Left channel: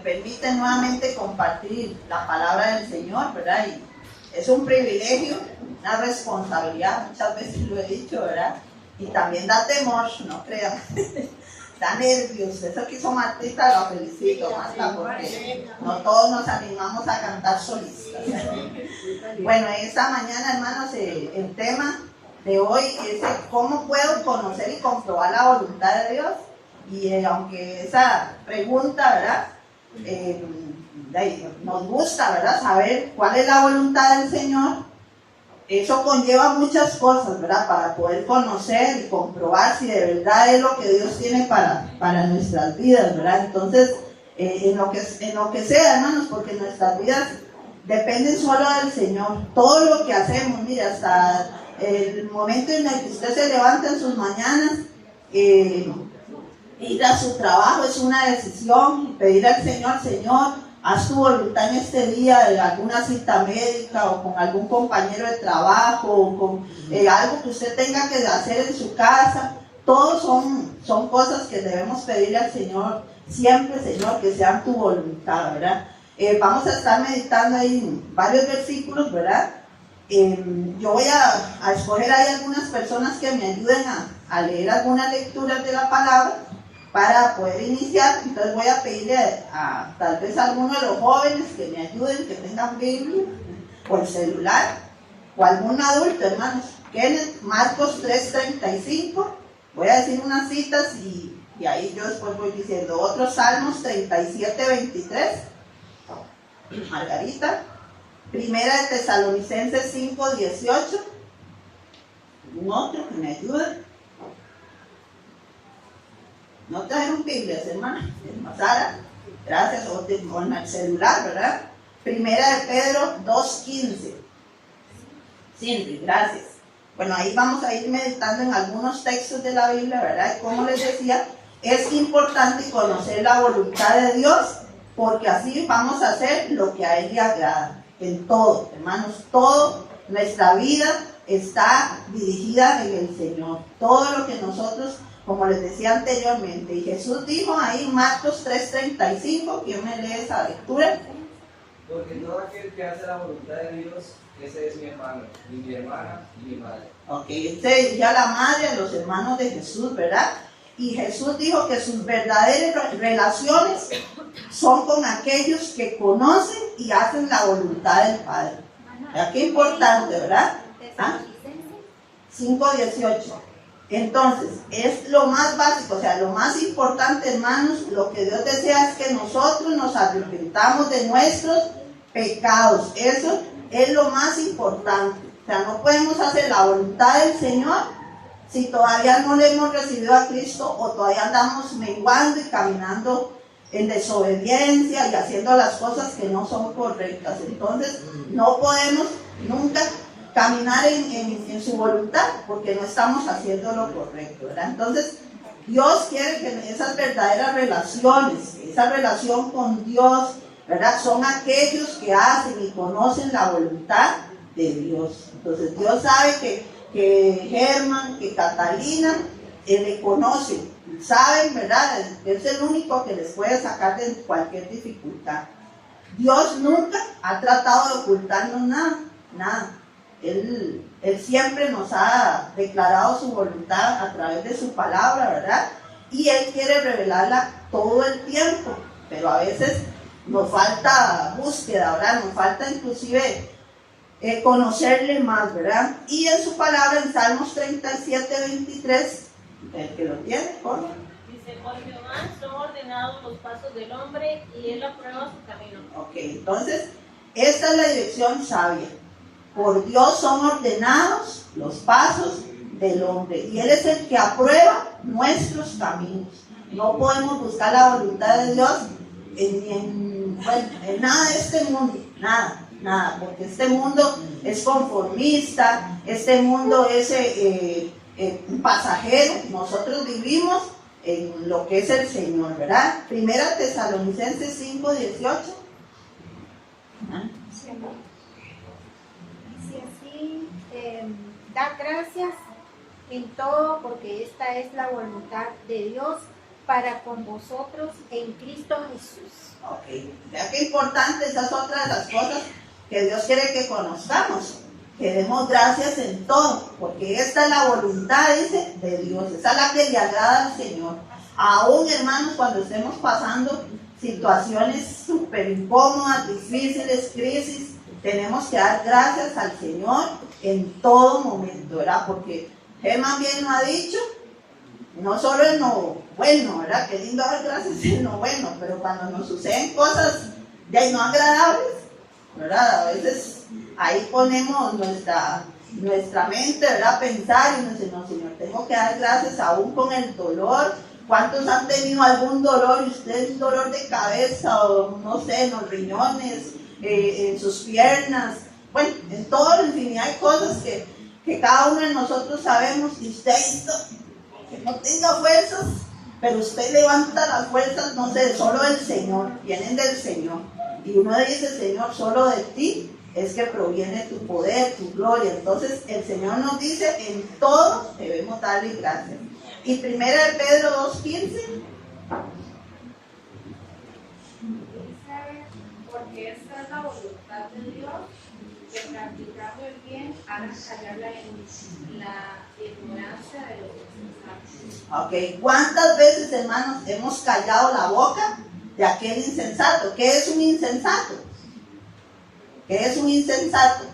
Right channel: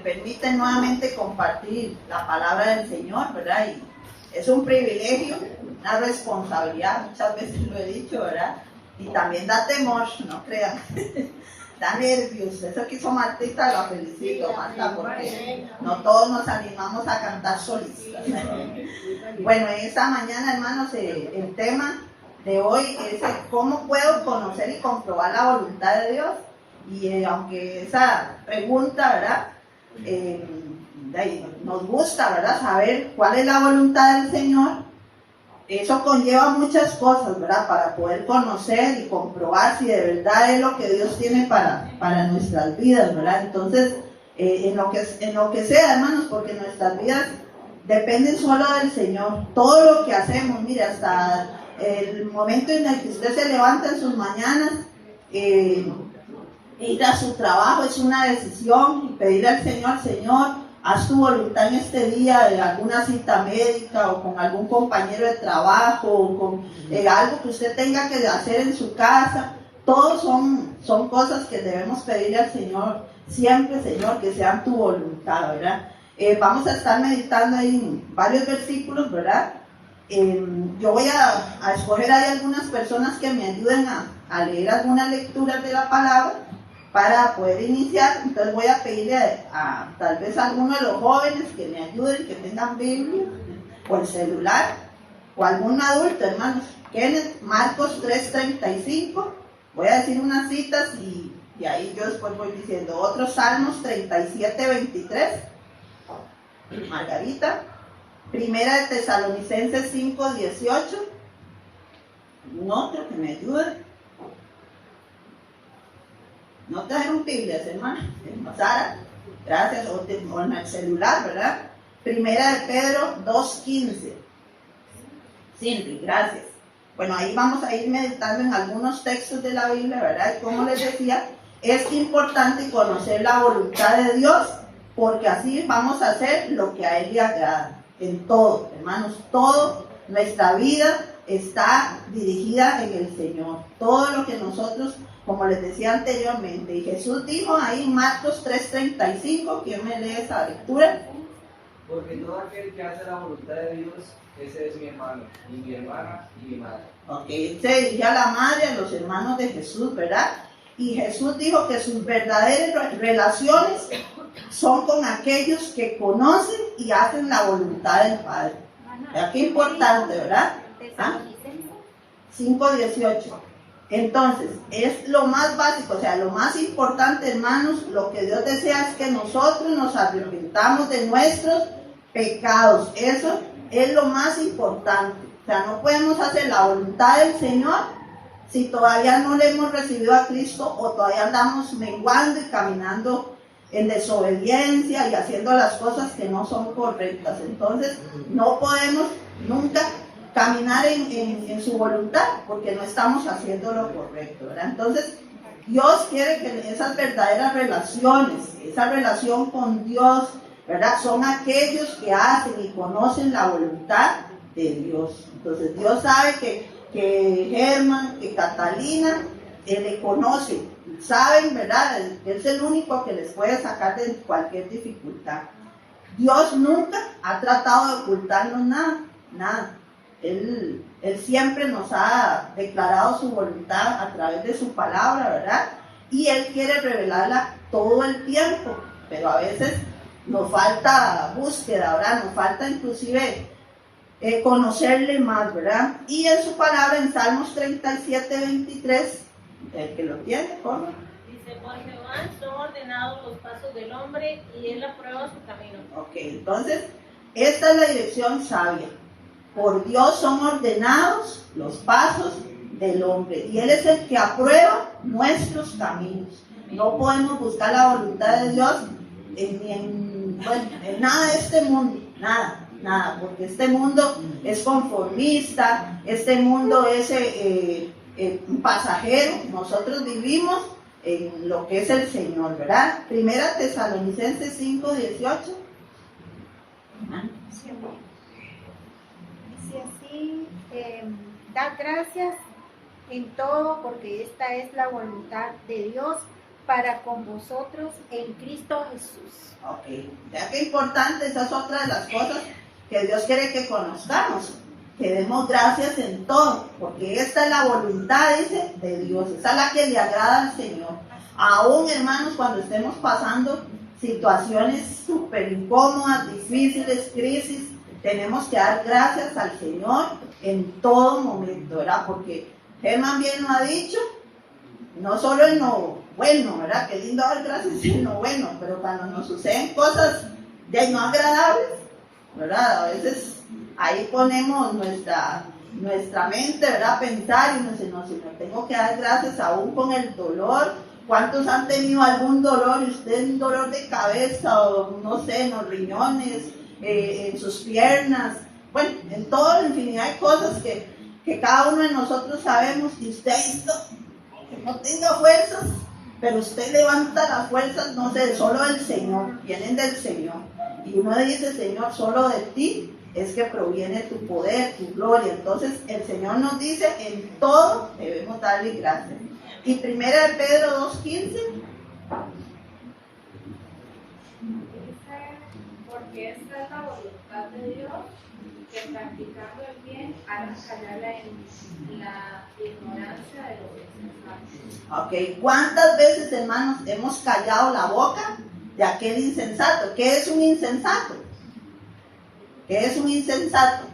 me permite nuevamente compartir la palabra del Señor, ¿verdad? Y es un privilegio, una responsabilidad, muchas veces lo he dicho, ¿verdad? Y también da temor, no crean, da nervios. Eso que hizo Martita, la felicito, Marta, porque no todos nos animamos a cantar solistas. Bueno, esta mañana, hermanos, el tema de hoy es cómo puedo conocer y comprobar la voluntad de Dios. Y aunque esa pregunta, ¿verdad? Nos gusta, ¿verdad? Saber cuál es la voluntad del Señor. Eso conlleva muchas cosas, ¿verdad? Para poder conocer y comprobar si de verdad es lo que Dios tiene para nuestras vidas, ¿verdad? Entonces, en lo que sea, hermanos, porque nuestras vidas dependen solo del Señor. Todo lo que hacemos, mire, hasta el momento en el que usted se levanta en sus mañanas, ir a su trabajo es una decisión, pedir al Señor, Señor, haz tu voluntad en este día, de alguna cita médica o con algún compañero de trabajo o con algo que usted tenga que hacer en su casa. Todos son cosas que debemos pedirle al Señor, siempre, Señor, que sean tu voluntad, ¿verdad? Vamos a estar meditando ahí varios versículos, ¿verdad? Yo voy a escoger ahí algunas personas que me ayuden a leer algunas lecturas de la palabra para poder iniciar. Entonces voy a pedirle a tal vez a alguno de los jóvenes que me ayuden, que tengan Biblia o el celular, o algún adulto, hermanos. Kenneth, Marcos 3:35, voy a decir unas citas y ahí yo después voy diciendo otros. Salmos 37:23, Margarita. Primera de Tesalonicenses 5:18, un otro que me ayude. No trajeron Biblias, hermana. Sara, gracias. O en el celular, ¿verdad? Primera de Pedro 2:15. Cindy, gracias. Bueno, ahí vamos a ir meditando en algunos textos de la Biblia, ¿verdad? Y como les decía, es importante conocer la voluntad de Dios, porque así vamos a hacer lo que a Él le agrada. En todo, hermanos, todo, nuestra vida está dirigida en el Señor. Todo lo que nosotros, como les decía anteriormente, y Jesús dijo ahí en Marcos 3:35, ¿quién me lee esa lectura? Porque todo aquel que hace la voluntad de Dios, ese es mi hermano, y mi hermana, y mi madre. Ok, este decía la madre, a los hermanos de Jesús, ¿verdad? Y Jesús dijo que sus verdaderas relaciones son con aquellos que conocen y hacen la voluntad del Padre. ¿Verdad? Qué importante, ¿verdad? 5:18. Entonces, es lo más básico, o sea, lo más importante, hermanos. Lo que Dios desea es que nosotros nos arrepentamos de nuestros pecados. Eso es lo más importante. O sea, no podemos hacer la voluntad del Señor si todavía no le hemos recibido a Cristo, o todavía andamos menguando y caminando en desobediencia y haciendo las cosas que no son correctas. Entonces, no podemos nunca caminar en su voluntad, porque no estamos haciendo lo correcto, ¿verdad? Entonces, Dios quiere que esas verdaderas relaciones, esa relación con Dios, ¿verdad?, son aquellos que hacen y conocen la voluntad de Dios. Entonces, Dios sabe que Germán, que Catalina le conocen, saben, ¿verdad? Él es el único que les puede sacar de cualquier dificultad. Dios nunca ha tratado de ocultarnos nada. Él siempre nos ha declarado su voluntad a través de su palabra, ¿verdad? Y Él quiere revelarla todo el tiempo, pero a veces nos falta búsqueda, ¿verdad? Nos falta inclusive conocerle más, ¿verdad? Y en su palabra, en Salmos 37:23, el que lo tiene, ¿cómo? Dice, por Jehová son ordenados los pasos del hombre, y Él aprueba su camino. Ok, entonces, esta es la dirección sabia. Por Dios son ordenados los pasos del hombre, y Él es el que aprueba nuestros caminos. No podemos buscar la voluntad de Dios en nada de este mundo, nada, porque este mundo es conformista, este mundo es pasajero. Nosotros vivimos en lo que es el Señor, ¿verdad? Primera Tesalonicenses 5:18. Da gracias en todo, porque esta es la voluntad de Dios para con vosotros en Cristo Jesús. Ok, ya que importante, esa es otra de las cosas que Dios quiere que conozcamos, que demos gracias en todo, porque esta es la voluntad, dice, de Dios, esa es la que le agrada al Señor. Aún, hermanos, cuando estemos pasando situaciones súper incómodas, difíciles, crisis, tenemos que dar gracias al Señor en todo momento, ¿verdad? Porque Germán bien lo ha dicho, no solo en lo bueno, ¿verdad? Qué lindo dar gracias en lo bueno, pero cuando nos suceden cosas ya no agradables, ¿verdad? A veces ahí ponemos nuestra mente, ¿verdad? A pensar y nos dice, no, Señor, tengo que dar gracias aún con el dolor. ¿Cuántos han tenido algún dolor? Y usted un dolor de cabeza o no sé, en los riñones, en sus piernas, bueno, en toda la infinidad de cosas que cada uno de nosotros sabemos, y usted esto, que no tenga fuerzas, pero usted levanta las fuerzas, no sé, solo del Señor, vienen del Señor. Y uno dice, Señor, solo de ti es que proviene tu poder, tu gloria. Entonces el Señor nos dice, en todo debemos darle gracias. Y primera de Pedro 2:15. Porque esta es la voluntad de Dios, que practicando el bien hagan callar la ignorancia de los insensatos. Ok, ¿cuántas veces, hermanos, hemos callado la boca de aquel insensato? ¿Qué es un insensato? ¿Qué es un insensato?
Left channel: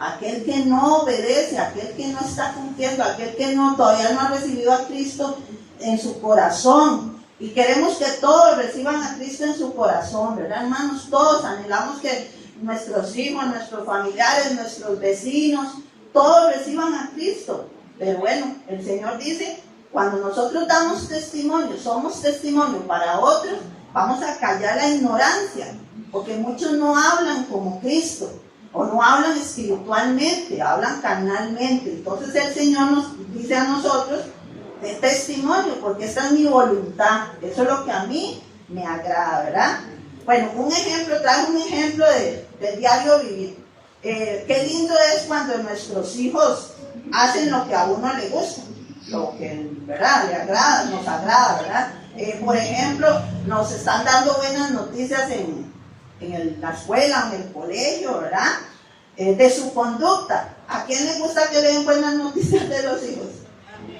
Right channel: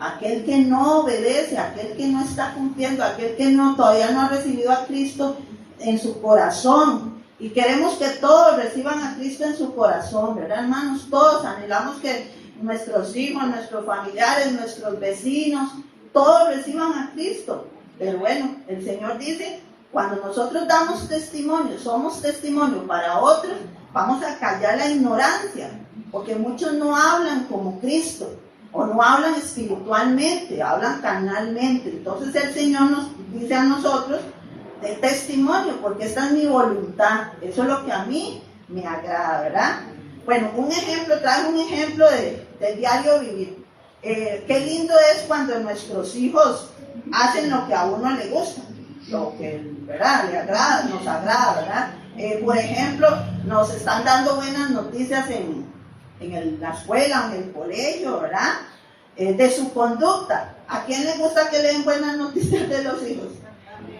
Aquel que no obedece, aquel que no está cumpliendo, aquel que todavía no ha recibido a Cristo en su corazón. Y queremos que todos reciban a Cristo en su corazón, ¿verdad, hermanos? Todos anhelamos que nuestros hijos, nuestros familiares, nuestros vecinos, todos reciban a Cristo. Pero bueno, el Señor dice, cuando nosotros damos testimonio, somos testimonio para otros, vamos a callar la ignorancia, porque muchos no hablan como Cristo, o no hablan espiritualmente, hablan carnalmente. Entonces el Señor nos dice a nosotros, de testimonio, porque esta es mi voluntad, eso es lo que a mí me agrada, ¿verdad? Bueno, trae un ejemplo del diario vivir. Qué lindo es cuando nuestros hijos hacen lo que a uno le gusta, lo que, ¿verdad?, le agrada, nos agrada, ¿verdad? Por ejemplo, nos están dando buenas noticias en la escuela, en el colegio, ¿verdad? De su conducta. ¿A quién le gusta que le den buenas noticias de los hijos?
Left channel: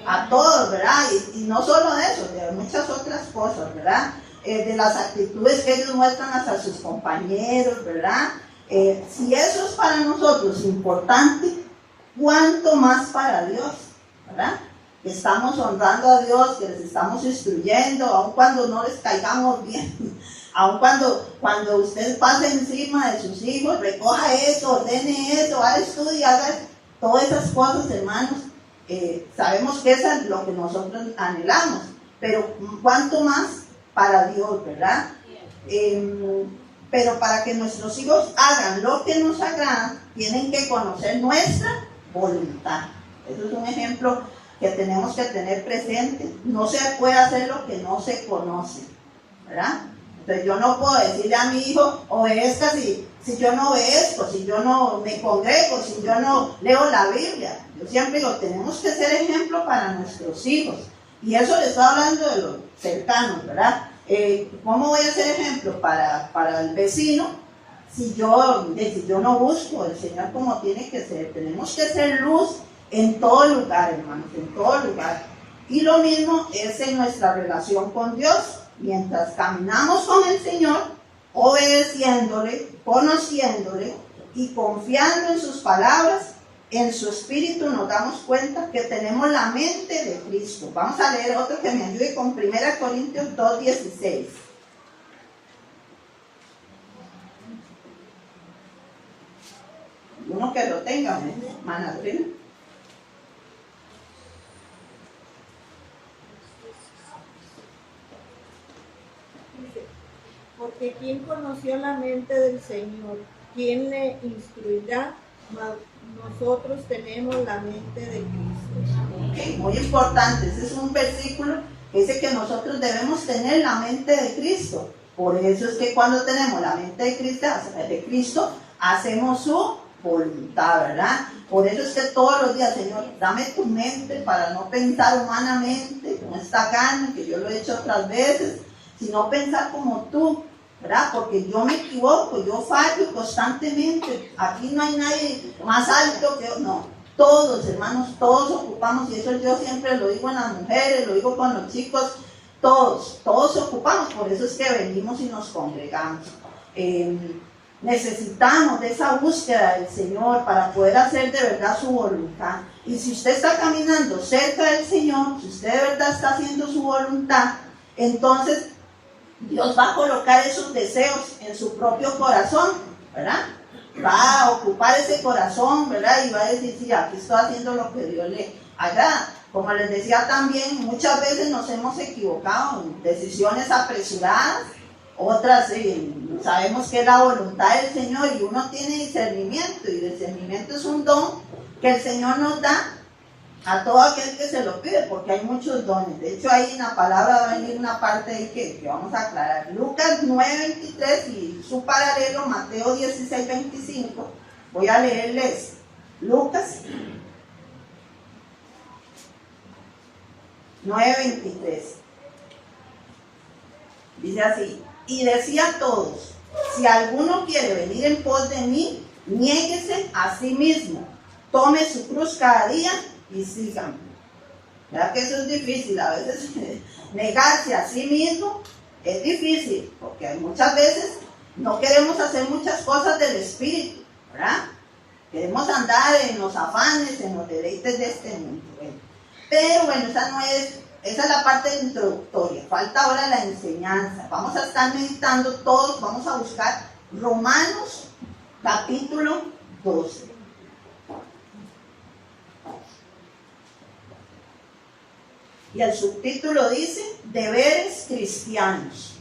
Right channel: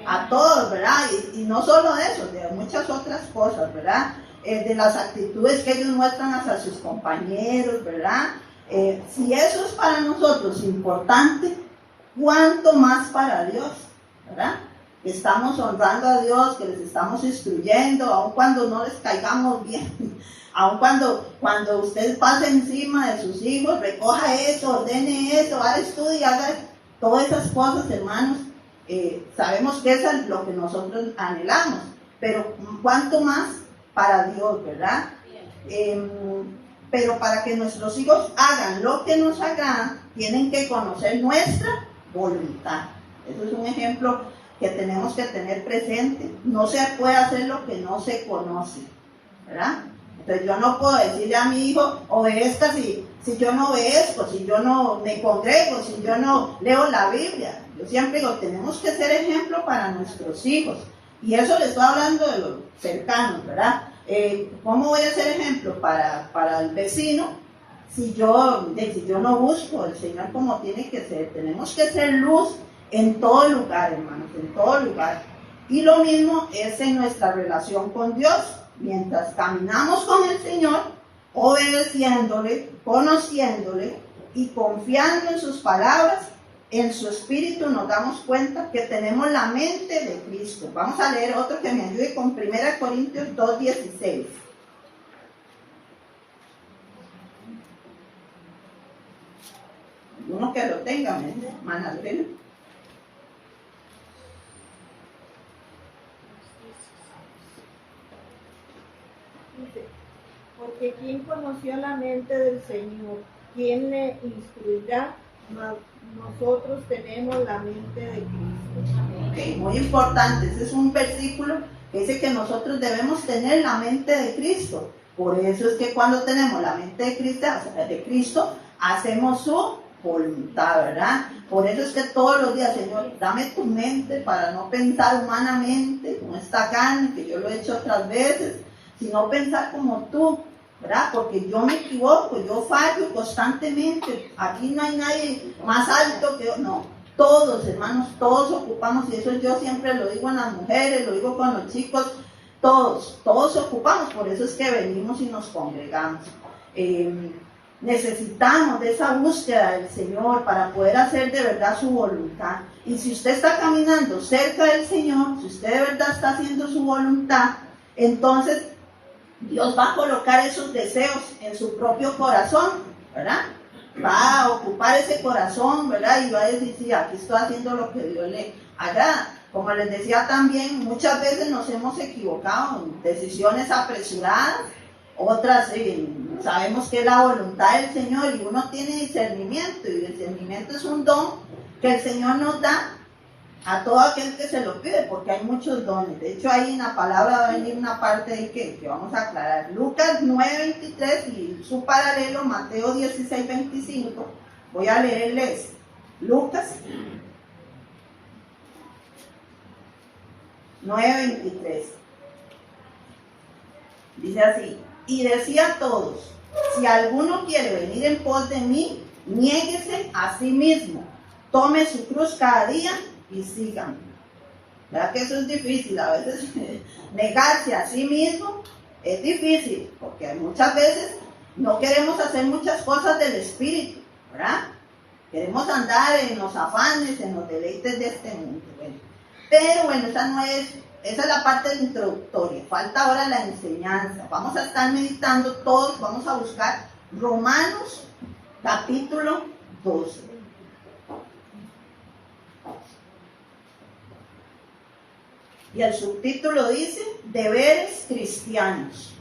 A todos, ¿verdad? Y no solo de eso, de muchas otras cosas, ¿verdad? De las actitudes que ellos muestran hacia sus compañeros, ¿verdad? Si eso es para nosotros importante, ¿cuánto más para Dios? ¿Verdad? Que estamos honrando a Dios, que les estamos instruyendo, aun cuando no les caigamos bien, aun cuando usted pase encima de sus hijos, recoja eso, ordene eso, haga estudio, haga todas esas cosas, hermanos. Sabemos que eso es lo que nosotros anhelamos, pero cuánto más para Dios, ¿verdad? Pero para que nuestros hijos hagan lo que nos agrada, tienen que conocer nuestra voluntad. Eso es un ejemplo que tenemos que tener presente. No se puede hacer lo que no se conoce, ¿verdad? Entonces yo no puedo decirle a mi hijo, obedezca si yo no obedezco, si yo no me congrego, si yo no leo la Biblia. Yo siempre digo, tenemos que ser ejemplo para nuestros hijos. Y eso le estoy hablando de los cercanos, ¿verdad? ¿Cómo voy a ser ejemplo para el vecino si yo no busco el Señor como tiene que ser? Tenemos que ser luz en todo lugar, hermanos, en todo lugar. Y lo mismo es en nuestra relación con Dios. Mientras caminamos con el Señor, obedeciéndole, conociéndole y confiando en sus palabras, en su espíritu, nos damos cuenta que tenemos la mente de Cristo. Vamos a leer otro que me ayude con 1 Corintios 2:16. Uno que lo tenga, hermana Lorena. Porque ¿quién conoció la mente del Señor? ¿Quién le instruirá? Nosotros tenemos la mente de Cristo. Okay, muy importante. Ese es un versículo que dice que nosotros debemos tener la mente de Cristo. Por eso es que cuando tenemos la mente de Cristo, hacemos su voluntad, ¿verdad? Por eso es que todos los días, Señor, dame tu mente para no pensar humanamente con esta carne, que yo lo he hecho otras veces, sino pensar como tú ¿verdad? Porque yo me equivoco, yo fallo constantemente. Aquí no hay nadie más alto que yo, no. Todos, hermanos, todos ocupamos, y eso yo siempre lo digo en las mujeres, lo digo con los chicos, todos ocupamos, por eso es que venimos y nos congregamos. Necesitamos de esa búsqueda del Señor para poder hacer de verdad su voluntad. Y si usted está caminando cerca del Señor, si usted de verdad está haciendo su voluntad, entonces Dios va a colocar esos deseos en su propio corazón, ¿verdad? Va a ocupar ese corazón, ¿verdad? Y va a decir, sí, aquí estoy haciendo lo que Dios le agrada. Como les decía también, muchas veces nos hemos equivocado en decisiones apresuradas, otras sabemos que es la voluntad del Señor y uno tiene discernimiento, y discernimiento es un don que el Señor nos da a todo aquel que se lo pide, porque hay muchos dones. De hecho, ahí en la palabra va a venir una parte ahí que vamos a aclarar. Lucas 9:23 y su paralelo Mateo 16:25. Voy a leerles Lucas 9:23. Dice así: y decía a todos, si alguno quiere venir en pos de mí, niéguese a sí mismo, tome su cruz cada día y síganme. ¿Verdad que eso es difícil? A veces negarse a sí mismo es difícil, porque muchas veces no queremos hacer muchas cosas del espíritu, ¿verdad? Queremos andar en los afanes, en los deleites de este mundo. Bueno, pero bueno, esa es la parte introductoria. Falta ahora la enseñanza. Vamos a estar meditando todos, vamos a buscar Romanos capítulo 12. Y el subtítulo dice, deberes cristianos.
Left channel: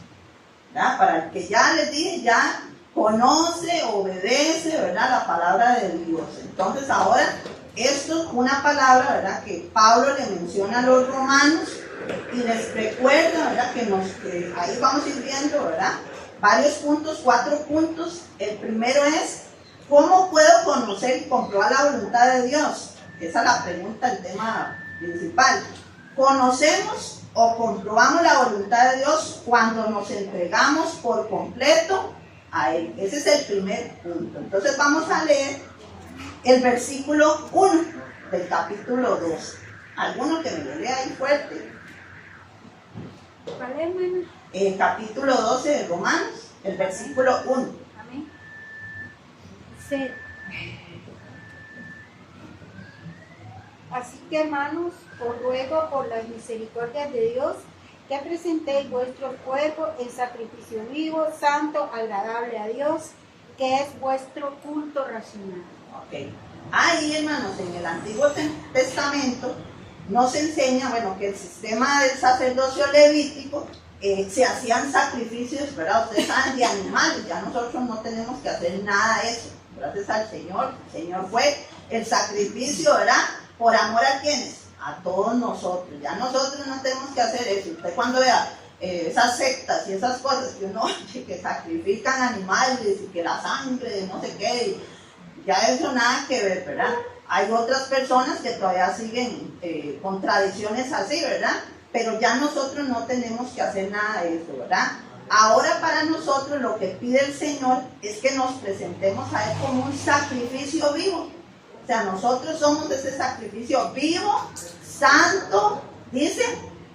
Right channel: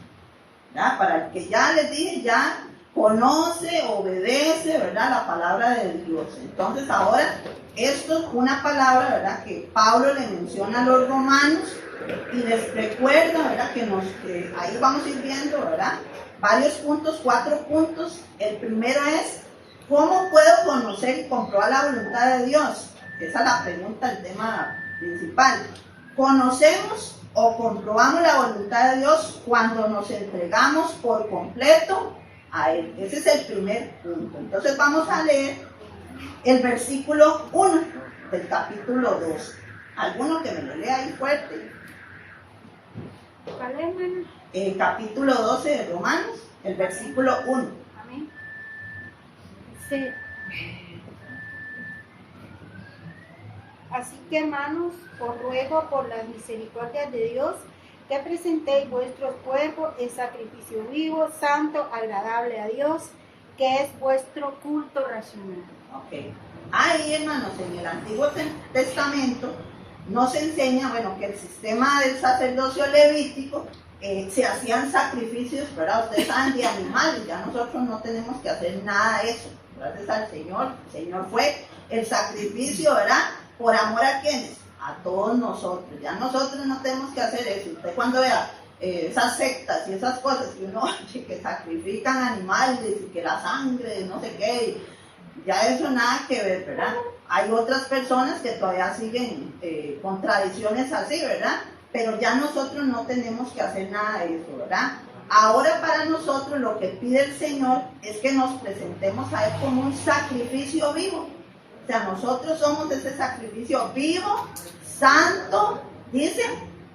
¿Verdad? Para el que ya les dije, ya conoce, obedece, ¿verdad? La palabra de Dios. Entonces ahora, esto es una palabra, ¿verdad? Que Pablo le menciona a los romanos y les recuerda, ¿verdad? Que ahí vamos a ir viendo, ¿verdad? Varios puntos, 4 puntos. El primero es, ¿cómo puedo conocer y comprobar la voluntad de Dios? Esa es la pregunta, el tema principal. Conocemos o comprobamos la voluntad de Dios cuando nos entregamos por completo a Él. Ese es el primer punto. Entonces vamos a leer el versículo 1 del capítulo 2. ¿Alguno que me lo lea ahí fuerte? ¿Cuál es, hermano? Capítulo 12 de Romanos, el versículo 1. Amén. Sí. Así que, hermanos, os ruego por las misericordias de Dios que presentéis vuestros cuerpos en sacrificio vivo, santo, agradable a Dios, que es vuestro culto racional. Ok. Ahí, hermanos, en el Antiguo Testamento nos enseña, bueno, que el sistema del sacerdocio levítico se hacían sacrificios, ¿verdad? Ustedes saben, de animales, ya nosotros no tenemos que hacer nada de eso. Gracias al Señor. El Señor fue el sacrificio, ¿verdad? ¿Por amor a quiénes? A todos nosotros. Ya nosotros no tenemos que hacer eso. Usted cuando vea esas sectas y esas cosas que uno que sacrifican animales y que la sangre, no sé qué, ya eso nada que ver, ¿verdad? Hay otras personas que todavía siguen con tradiciones así, ¿verdad? Pero ya nosotros no tenemos que hacer nada de eso, ¿verdad? Ahora para nosotros lo que pide el Señor es que nos presentemos a Él como un sacrificio vivo. O sea, nosotros somos ese sacrificio vivo, santo, dice,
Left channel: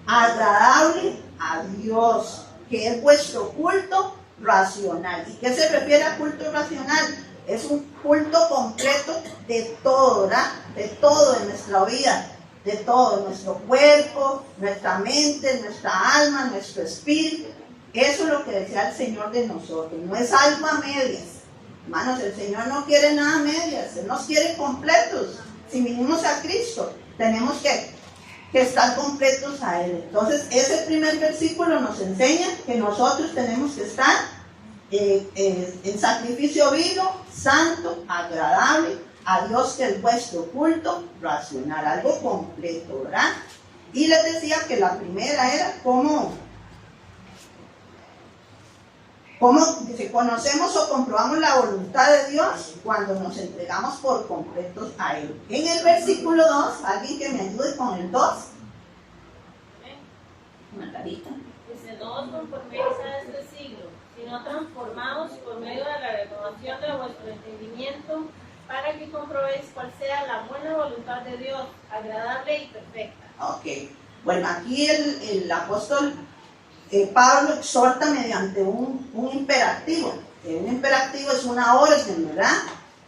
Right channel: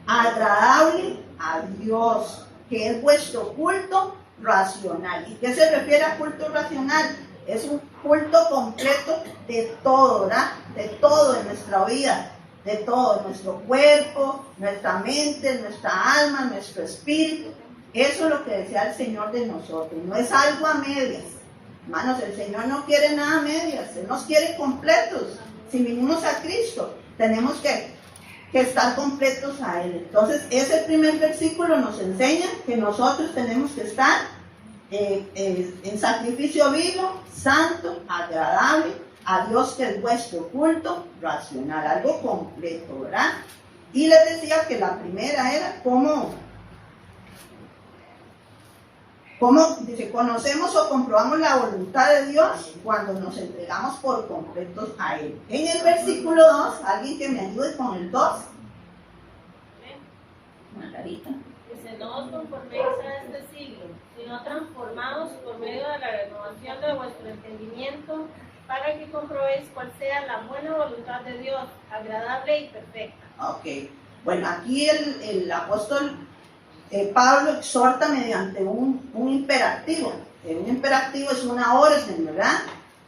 agradable a Dios, que es vuestro culto racional. ¿Y qué se refiere a culto racional? Es un culto completo de todo, ¿verdad? De todo en nuestra vida, de todo, nuestro cuerpo, nuestra mente, nuestra alma, nuestro espíritu. Eso es lo que desea el Señor de nosotros, no es algo a medias. Hermanos, el Señor no quiere nada a medias, Él nos quiere completos. Si vinimos a Cristo, tenemos que estar completos a Él. Entonces, ese primer versículo nos enseña que nosotros tenemos que estar en sacrificio vivo, santo, agradable a Dios, que es vuestro culto racional, algo completo, ¿verdad? Y les decía que la primera era cómo dice, conocemos o comprobamos la voluntad de Dios cuando nos entregamos por completos a Él. En el versículo 2, alguien que me ayude con el 2. Margarita. Dice, no os conforméis a este siglo, sino sino transformados por medio de la renovación de vuestro entendimiento, para que comprobéis cuál sea la buena voluntad de Dios, agradable y perfecta. Ok, bueno, aquí el apóstol Pablo exhorta mediante un imperativo. Un imperativo es una orden, ¿verdad?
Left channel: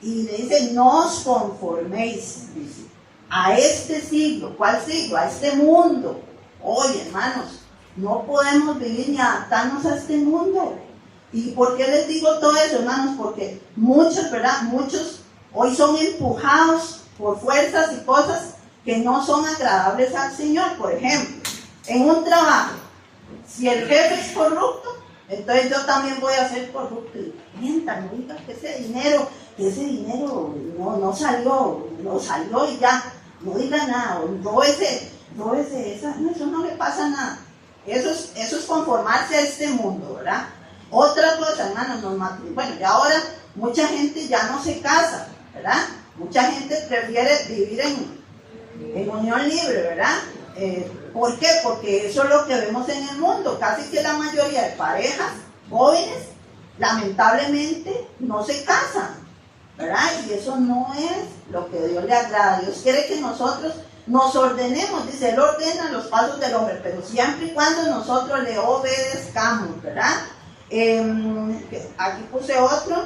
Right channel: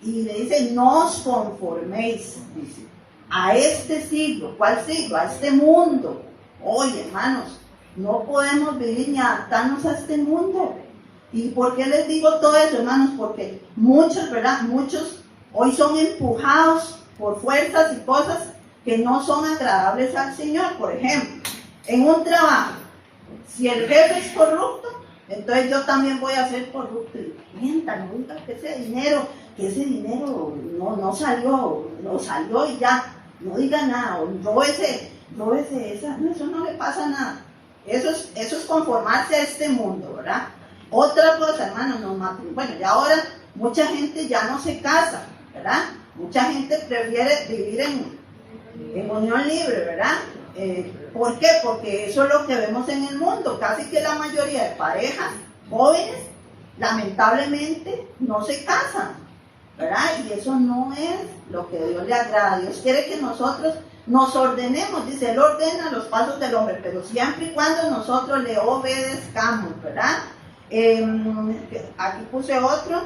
Y le dice, no os conforméis, dice, a este siglo. ¿Cuál siglo? A este mundo. Oye, hermanos, no podemos vivir ni adaptarnos a este mundo. ¿Y por qué les digo todo eso, hermanos? Porque muchos, ¿verdad? Muchos hoy son empujados por fuerzas y cosas que no son agradables al Señor. Por ejemplo, en un trabajo, si el jefe es corrupto, entonces yo también voy a ser corrupto. Y mienta, no diga que ese dinero no salió y ya, no diga nada, o no eso no le pasa nada. Eso es conformarse a este mundo, ¿verdad? Otra cosa, hermanos, bueno, y ahora mucha gente ya no se casa, ¿verdad? Mucha gente prefiere vivir en unión libre, ¿verdad? ¿Por qué? Porque eso es lo que vemos en el mundo. Casi que la mayoría de parejas jóvenes, lamentablemente, no se casan, ¿verdad? Y eso no es lo que Dios le agrada. Dios quiere que nosotros nos ordenemos. Dice, Él ordena los pasos del hombre, pero siempre y cuando nosotros le obedezcamos, ¿verdad? Aquí puse otro.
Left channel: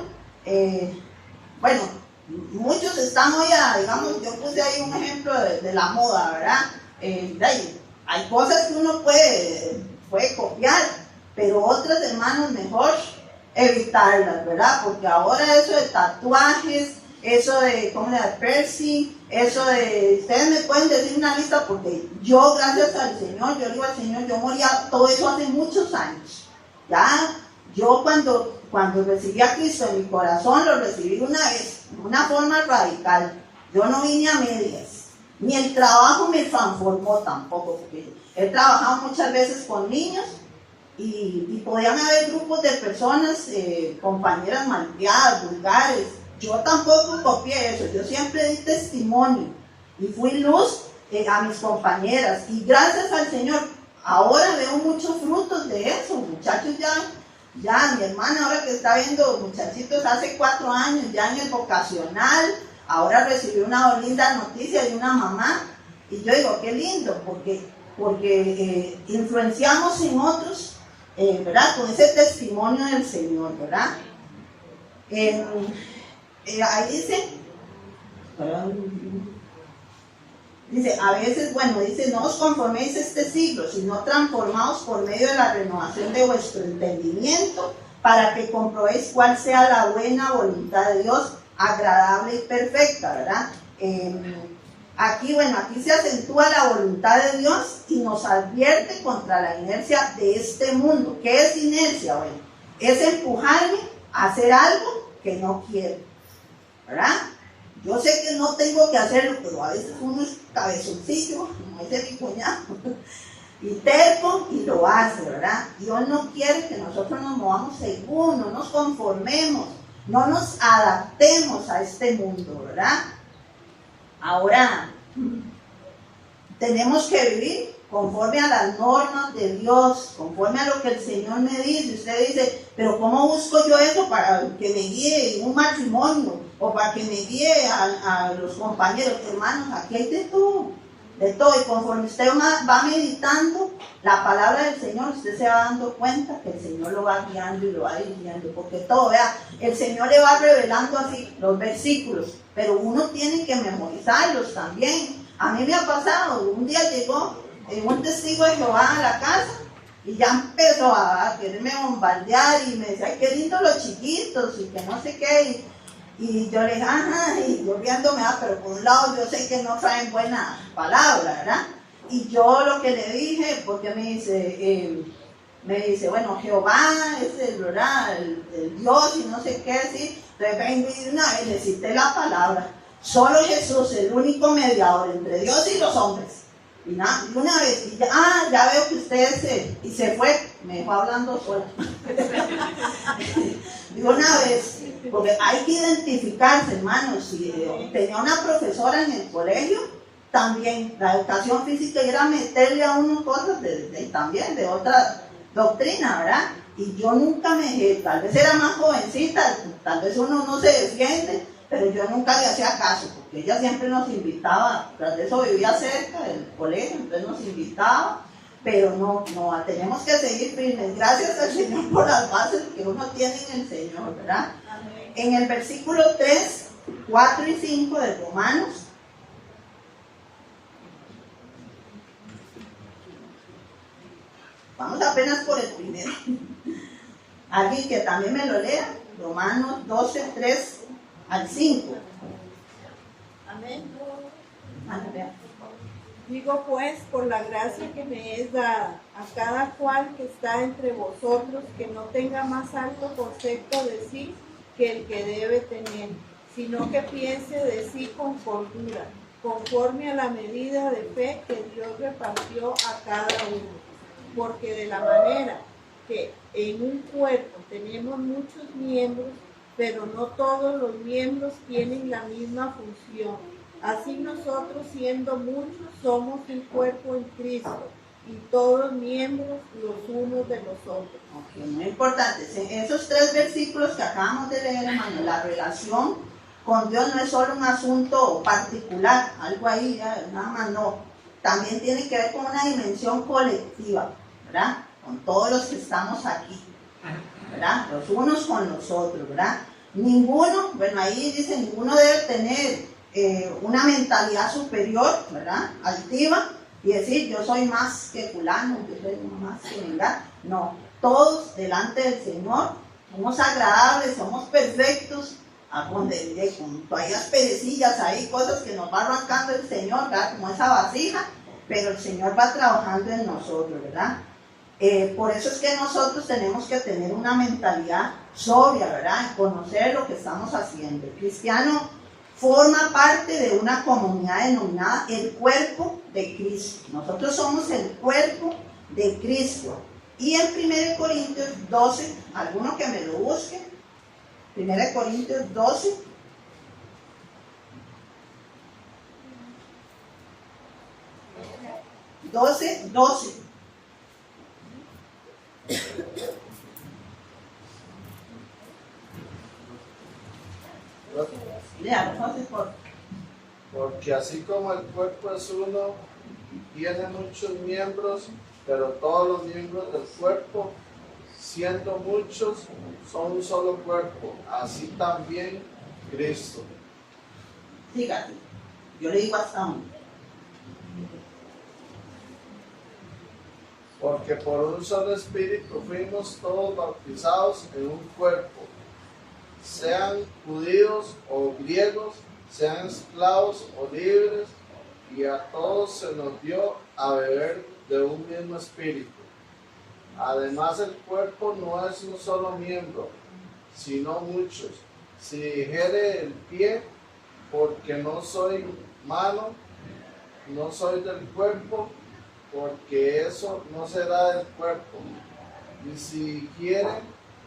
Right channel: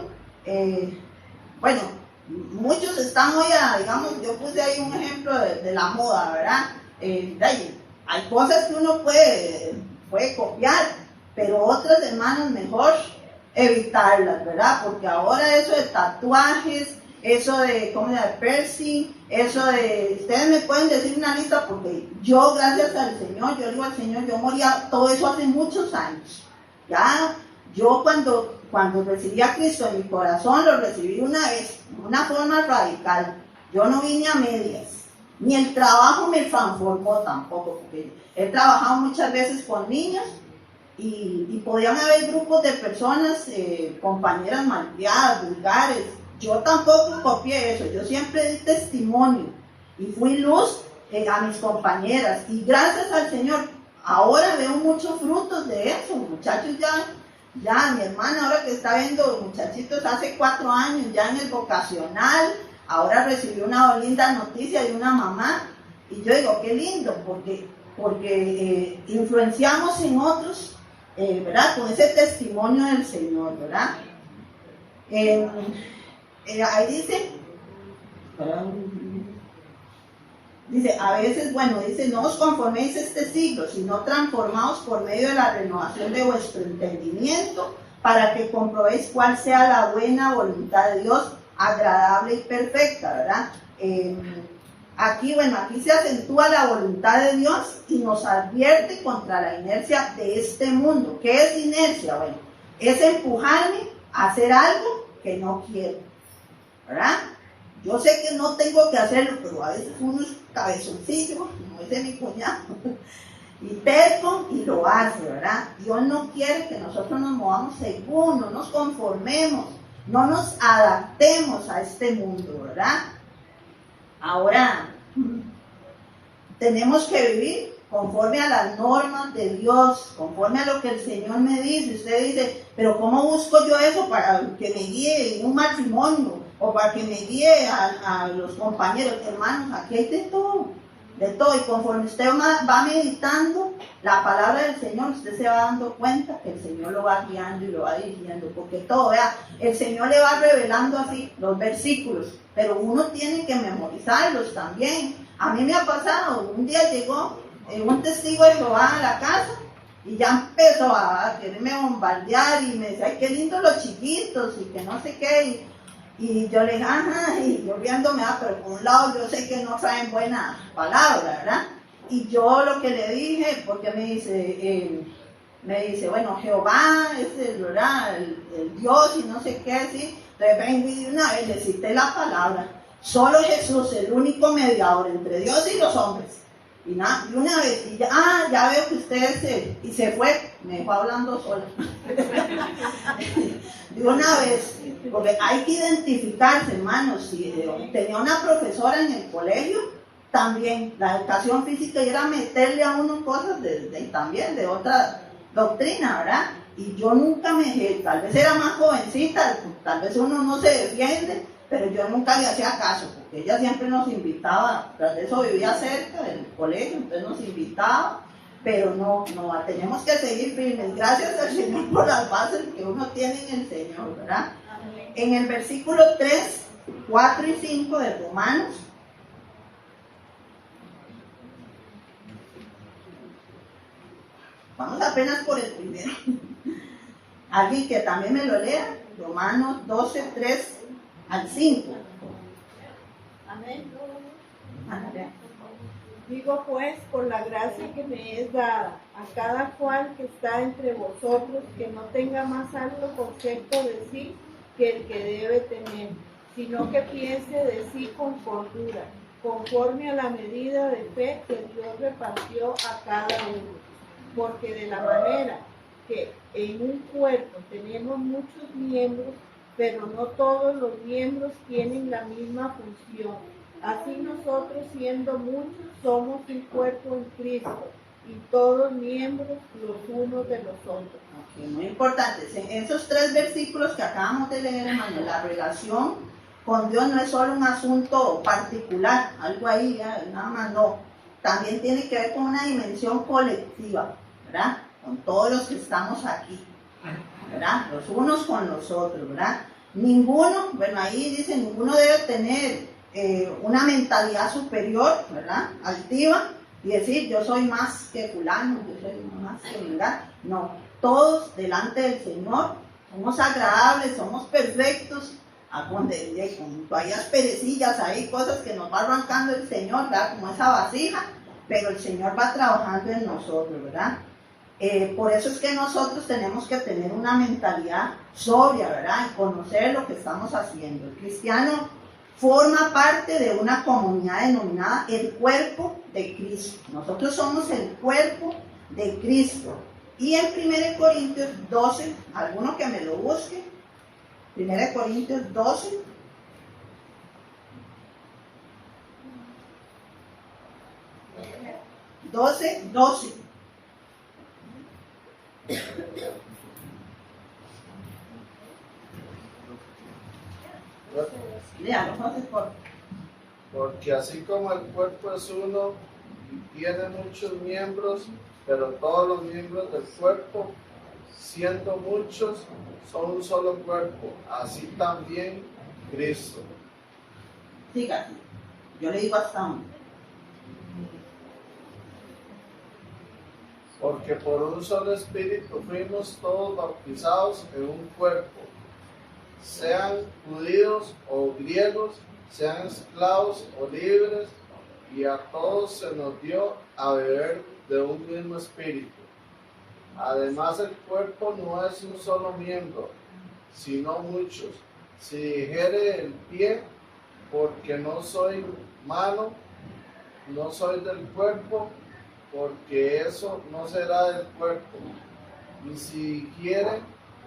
Bueno, muchos están hoy digamos, yo puse ahí un ejemplo de la moda, ¿verdad? Hay cosas que uno puede copiar, pero otras, hermanos, mejor evitarlas, ¿verdad? Porque ahora eso de tatuajes, eso de, piercing, eso de, ustedes me pueden decir una lista, porque yo, gracias al Señor, yo digo al Señor, yo moría todo eso hace muchos años. Ya, yo cuando recibí a Cristo en mi corazón, lo recibí una vez, de una forma radical. Yo no vine a medias. Ni el trabajo me transformó tampoco, porque he trabajado muchas veces con niños y podían haber grupos de personas, compañeras malcriadas, vulgares. Yo tampoco copié eso, yo siempre di testimonio y fui luz a mis compañeras. Y gracias al Señor, ahora veo muchos frutos de eso. Muchachos ya mi hermana ahora que está viendo muchachitos hace 4 años ya en el vocacional. Ahora recibí una linda noticia de una mamá y yo digo, qué lindo, porque influenciamos en otros, ¿verdad? Con ese testimonio del Señor, ¿verdad? Ahí dice, a veces, bueno, dice, no os conforméis a este siglo, sino transformaos por medio de la renovación de vuestro entendimiento, para que comprobéis cuál sea la buena voluntad de Dios, agradable y perfecta, ¿verdad? Aquí se acentúa la voluntad de Dios y nos advierte contra la inercia de este mundo. ¿Qué es inercia? Bueno, es empujarme a hacer algo que no quiero, ¿verdad? Yo sé que no tengo que hacerlo, pero a veces uno es cabezoncillo, como dice mi cuñado, y terco y lo hace, ¿verdad? Dios no quiere que nosotros nos movamos según, no nos conformemos, no nos adaptemos a este mundo, ¿verdad? Ahora, tenemos que vivir conforme a las normas de Dios, conforme a lo que el Señor me dice. Usted dice, pero ¿cómo busco yo eso para que me guíe en un matrimonio? O para que me guíe a los compañeros. Hermanos, aquí hay de todo. Y conforme usted va meditando la palabra del Señor, usted se va dando cuenta que el Señor lo va guiando y lo va dirigiendo, porque todo, vea, el Señor le va revelando así los versículos, pero uno tiene que memorizarlos también. A mí me ha pasado, un día llegó un testigo de Jehová a la casa y ya empezó a quererme bombardear y me decía, ay, qué lindo los chiquitos y que no sé qué, y yo le dije, ajá, y yo viéndome, pero por un lado yo sé que no traen buena palabra, ¿verdad? Y yo lo que le dije, porque me dice, bueno, Jehová es el Dios y no sé qué, ¿sí? Entonces vengo y de una vez le cité la palabra. Solo Jesús, el único mediador entre Dios y los hombres. Y nada, y una vez, y ya veo que ustedes y se fue, me dejó hablando sola. De una vez, porque hay que identificarse, hermanos. Si tenía una profesora en el colegio, también la educación física era meterle a uno cosas también de otra doctrina, ¿verdad? Y yo nunca me dejé, tal vez era más jovencita, tal vez uno no se defiende, pero yo nunca le hacía caso, porque ella siempre nos invitaba, tras de eso vivía cerca del colegio, entonces nos invitaba, pero no, tenemos que seguir firmes. Gracias al Señor por las bases que uno tiene en el Señor, ¿verdad? En el versículo 3, 4 y 5 de Romanos, vamos apenas por el primero. Alguien que también me lo lea, Romanos 12, 3 al 5. Amén. Vea. Digo pues, por la gracia que me es dada a cada cual que está entre vosotros, que no tenga más alto concepto de sí que el que debe tener, sino que piense de sí con cordura, conforme a la medida de fe que Dios repartió a cada uno. Porque de la manera que en un cuerpo tenemos muchos miembros, pero no todos los miembros tienen la misma función. Así nosotros, siendo muchos, somos un cuerpo en Cristo, y todos miembros los unos de los otros. Okay, muy importante. En esos 3 versículos que acabamos de leer, hermano, la relación con Dios no es solo un asunto particular, algo ahí, nada más, no. También tiene que ver con una dimensión colectiva, ¿verdad? Con todos los que estamos aquí, ¿verdad? Los unos con los otros, ¿verdad? Ninguno, bueno, ahí dice, ninguno debe tener una mentalidad superior, ¿verdad? Altiva, y decir, yo soy más que fulano, yo soy más que mengano. No, todos delante del Señor somos agradables, somos perfectos, con toallas perecillas ahí, cosas que nos va arrancando el Señor, ¿verdad? Como esa vasija, pero el Señor va trabajando en nosotros, ¿verdad? Por eso es que nosotros tenemos que tener una mentalidad sobria, ¿verdad? Y conocer lo que estamos haciendo. El cristiano forma parte de una comunidad denominada el cuerpo de Cristo. Nosotros somos el cuerpo de Cristo. Y en 1 Corintios 12, alguno que me lo busque, 1 Corintios 12, léalo, José, por favor. Porque así como el cuerpo es uno y tiene muchos miembros, pero todos los miembros del cuerpo, siendo muchos, son un solo cuerpo, así también Cristo. Siga, yo le digo hasta uno. Porque por un solo espíritu fuimos todos bautizados en un cuerpo, sean judíos o griegos, sean esclavos o libres, y a todos se nos dio a beber de un mismo espíritu. Además, el cuerpo no es un solo miembro, sino muchos. Si dijere el pie, porque no soy mano, no soy del cuerpo, porque eso no será del cuerpo. Y si dijere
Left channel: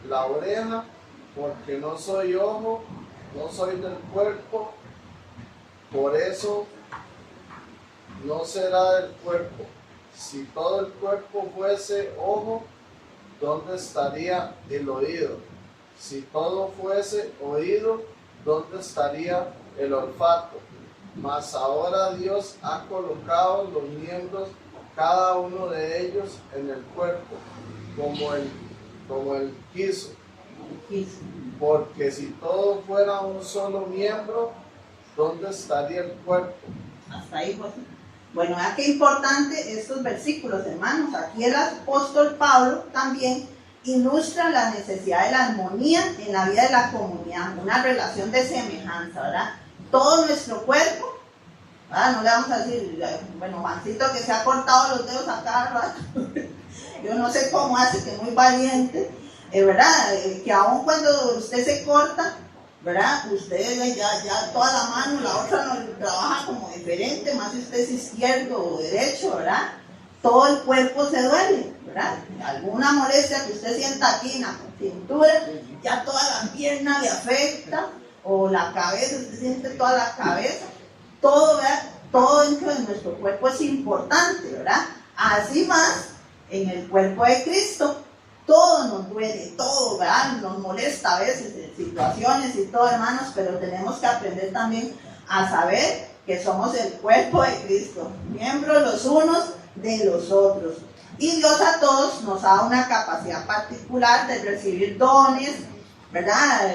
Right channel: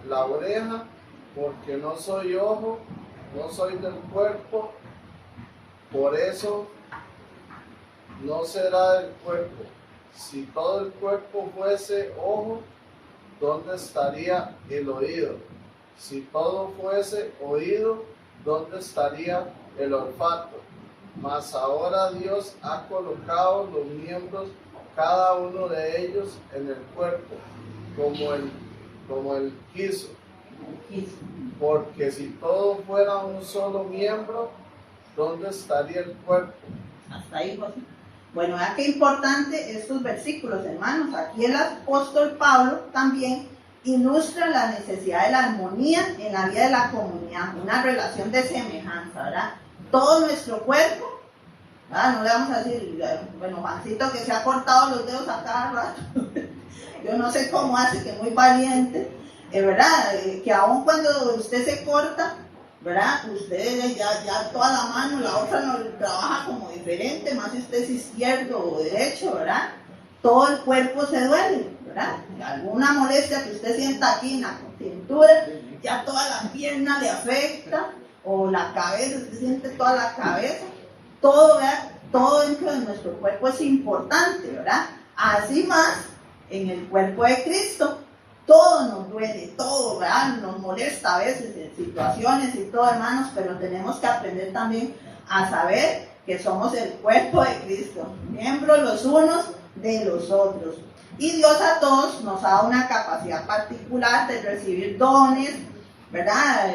la oreja, porque no soy ojo, no soy del cuerpo, por eso no será del cuerpo. Si todo el cuerpo fuese ojo, ¿dónde estaría el oído? Si todo fuese oído, ¿dónde estaría el olfato? Mas ahora Dios ha colocado los miembros, cada uno de ellos, en el cuerpo, como él quiso. Porque si todo fuera un solo miembro, ¿dónde estaría el cuerpo? Hasta ahí, José. Bueno, vea qué importante estos versículos, hermanos. Aquí el apóstol Pablo también ilustra la necesidad de la armonía en la vida de la comunidad, una relación de semejanza, ¿verdad? Todo nuestro cuerpo, ¿verdad? No le vamos a decir, bueno, Juancito que se ha cortado los dedos a cada rato, yo no sé cómo hace, que es muy valiente, ¿verdad? Que aun cuando usted se corta, ¿verdad? Usted ya toda la mano, la otra no trabaja como diferente, más si usted es izquierdo o derecho, ¿verdad? Todo el cuerpo se duele, ¿verdad? Alguna molestia que usted sienta aquí en la cintura, ya toda la pierna le afecta, o la cabeza, usted siente toda la cabeza, todo, ¿verdad? Todo dentro de nuestro cuerpo es importante, ¿verdad? Así más en el cuerpo de Cristo, todo nos duele, todo, ¿verdad? Nos molesta a veces en situaciones y todo, hermanos, pero tenemos que aprender también a saber que somos el cuerpo de Cristo, miembros los unos de los otros. Y Dios a todos nos da una capacidad particular de recibir dones, ¿verdad?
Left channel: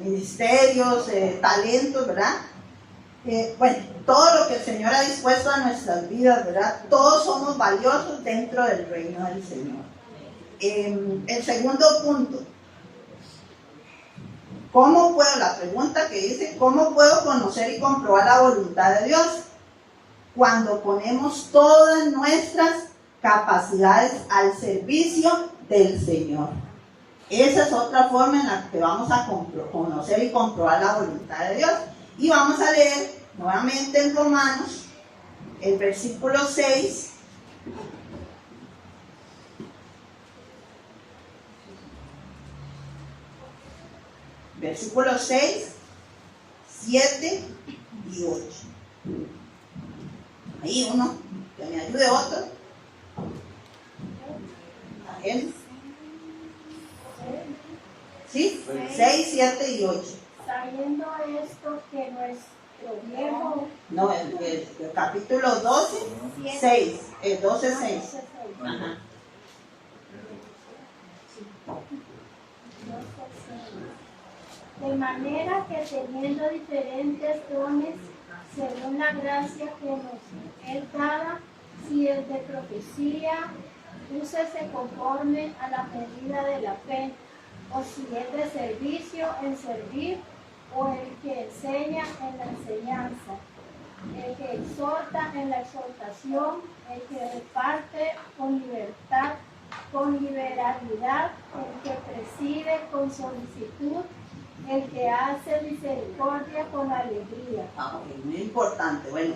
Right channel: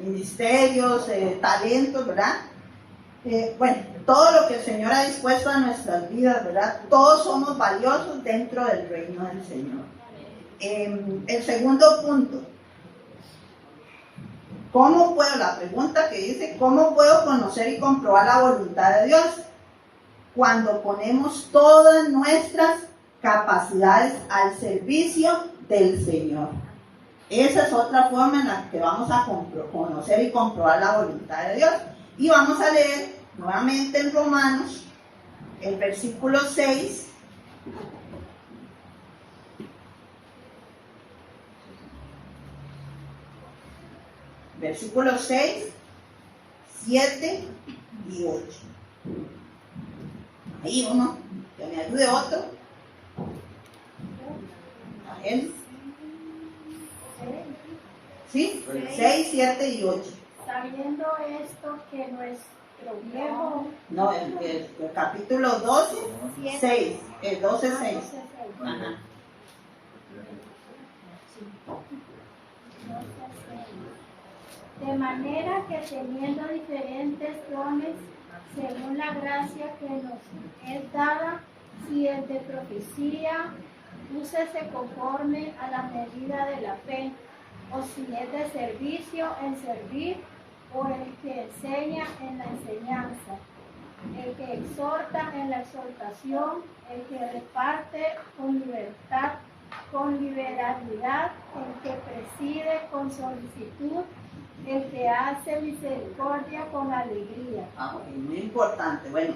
Ministerios, talentos, ¿verdad? Bueno, todo lo que el Señor ha dispuesto a nuestras vidas, ¿verdad? Todos somos valiosos dentro del reino del Señor. El segundo punto, ¿cómo puedo? La pregunta que dice, ¿cómo puedo conocer y comprobar la voluntad de Dios? Cuando ponemos todas nuestras capacidades al servicio del Señor. Esa es otra forma en la que vamos a conocer y comprobar la voluntad de Dios. Y vamos a leer nuevamente en Romanos, el versículo 6. Versículos 6, 7 y 8. Ahí uno, que me ayude otro. ¿A él? ¿Sí? 6, 7 y 8. Sabiendo esto que nuestro viejo... No, el capítulo 12, 6. El 12, 6. Ajá. De manera que teniendo diferentes dones, según la gracia que nos es dada, si es de profecía, úsese conforme a la medida de la fe, o si es de servicio, en servir, o el que enseña en la enseñanza, el que exhorta en la exhortación, el que reparte con libertad, con liberalidad, el que preside con solicitud, el que hace misericordia con alegría. Ok, muy importante. Bueno,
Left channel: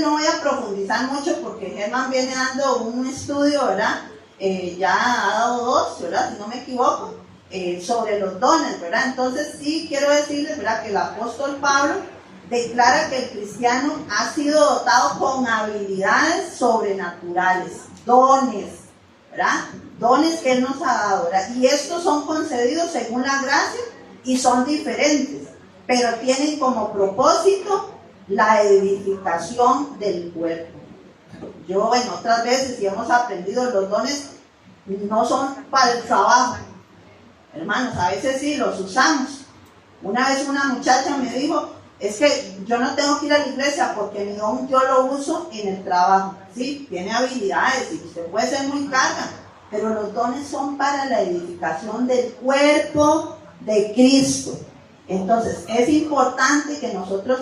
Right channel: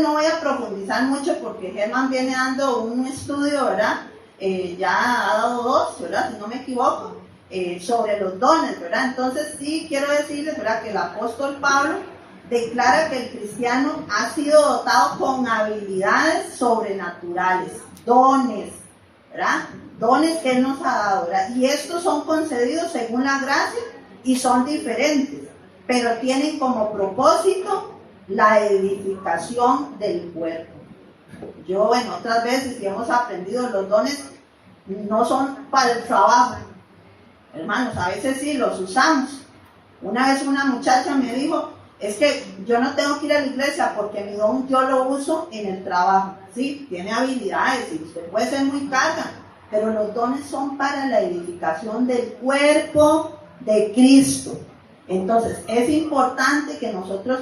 no voy a profundizar mucho porque Germán viene dando un estudio, ¿verdad? Ya ha dado 2, ¿verdad? Si no me equivoco, sobre los dones, ¿verdad? Entonces sí quiero decirles, ¿verdad? Que el apóstol Pablo declara que el cristiano ha sido dotado con habilidades sobrenaturales, dones, ¿verdad? Dones que Él nos ha dado, ¿verdad? Y estos son concedidos según la gracia y son diferentes, pero tienen como propósito la edificación del cuerpo. Yo en otras veces, y hemos aprendido, los dones no son para el trabajo. Hermanos, a veces sí los usamos. Una vez una muchacha me dijo, es que yo no tengo que ir a la iglesia porque mi don yo lo uso en el trabajo. Sí, tiene habilidades y usted puede ser muy carga, pero los dones son para la edificación del cuerpo de Cristo. Entonces es importante que nosotros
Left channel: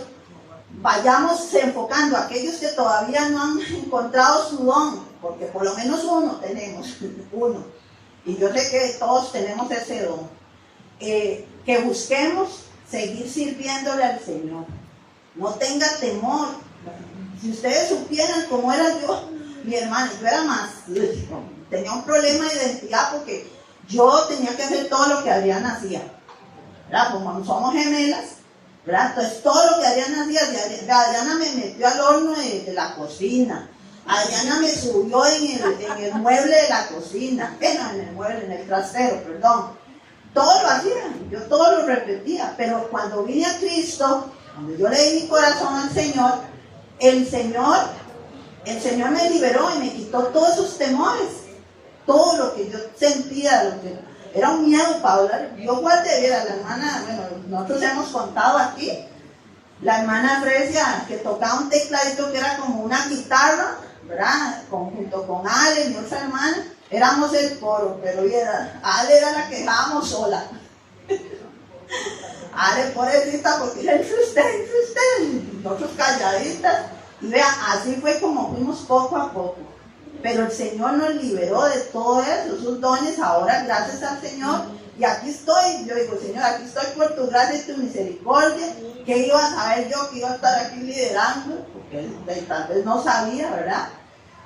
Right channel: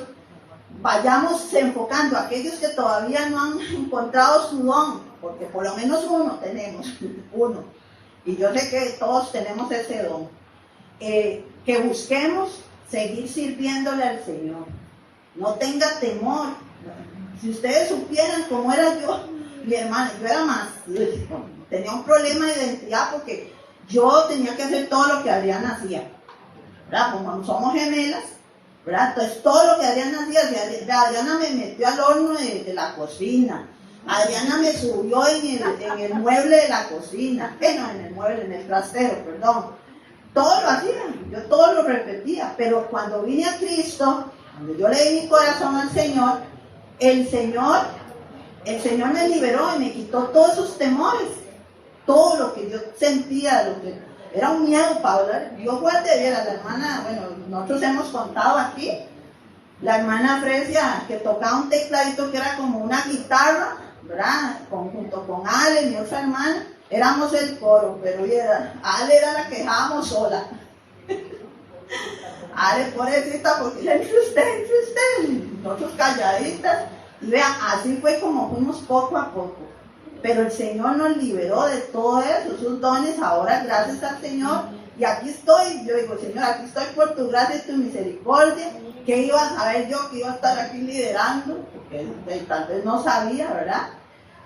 vayamos enfocando a aquellos que todavía no han encontrado su don, porque por lo menos uno tenemos, uno, y yo sé que todos tenemos ese don, que busquemos seguir sirviéndole al Señor. No tenga temor. Si ustedes supieran cómo era yo, mi hermana, yo era más, tenía un problema de identidad porque yo tenía que hacer todo lo que Adriana hacía, ¿verdad? Como somos gemelas, ¿verdad? Entonces todo lo que Adriana hacía, Adriana me metió al horno de la cocina, Adriana me subió en el mueble de la cocina, en el trastero, perdón. Todo lo hacía, yo todo lo repetía, pero cuando vine a Cristo, cuando yo le di mi corazón al Señor, el Señor me liberó y me quitó todos esos temores, todo lo que yo sentía, lo que era un miedo para hablar. Yo guardé a la hermana, bueno, nosotros hemos contado aquí, la hermana Fresia, que tocaba un tecladito que era como una guitarra, ¿verdad? Junto con Ale, mi otra hermana, éramos el coro, pero Ale era la que dejábamos sola. Ale, pobrecita, porque era entre usted, nosotros calladitas. Y vea, así fue como fuimos poco a poco. Pero el Señor nos liberó de todo eso, esos dones, ahora gracias al Señor. Y aquí estoy, yo digo, Señor, aquí estoy por tu gracia y tu misericordia. ¿Qué iba a saber yo que iba a estar aquí liderando? Porque tal vez no sabía, ¿verdad?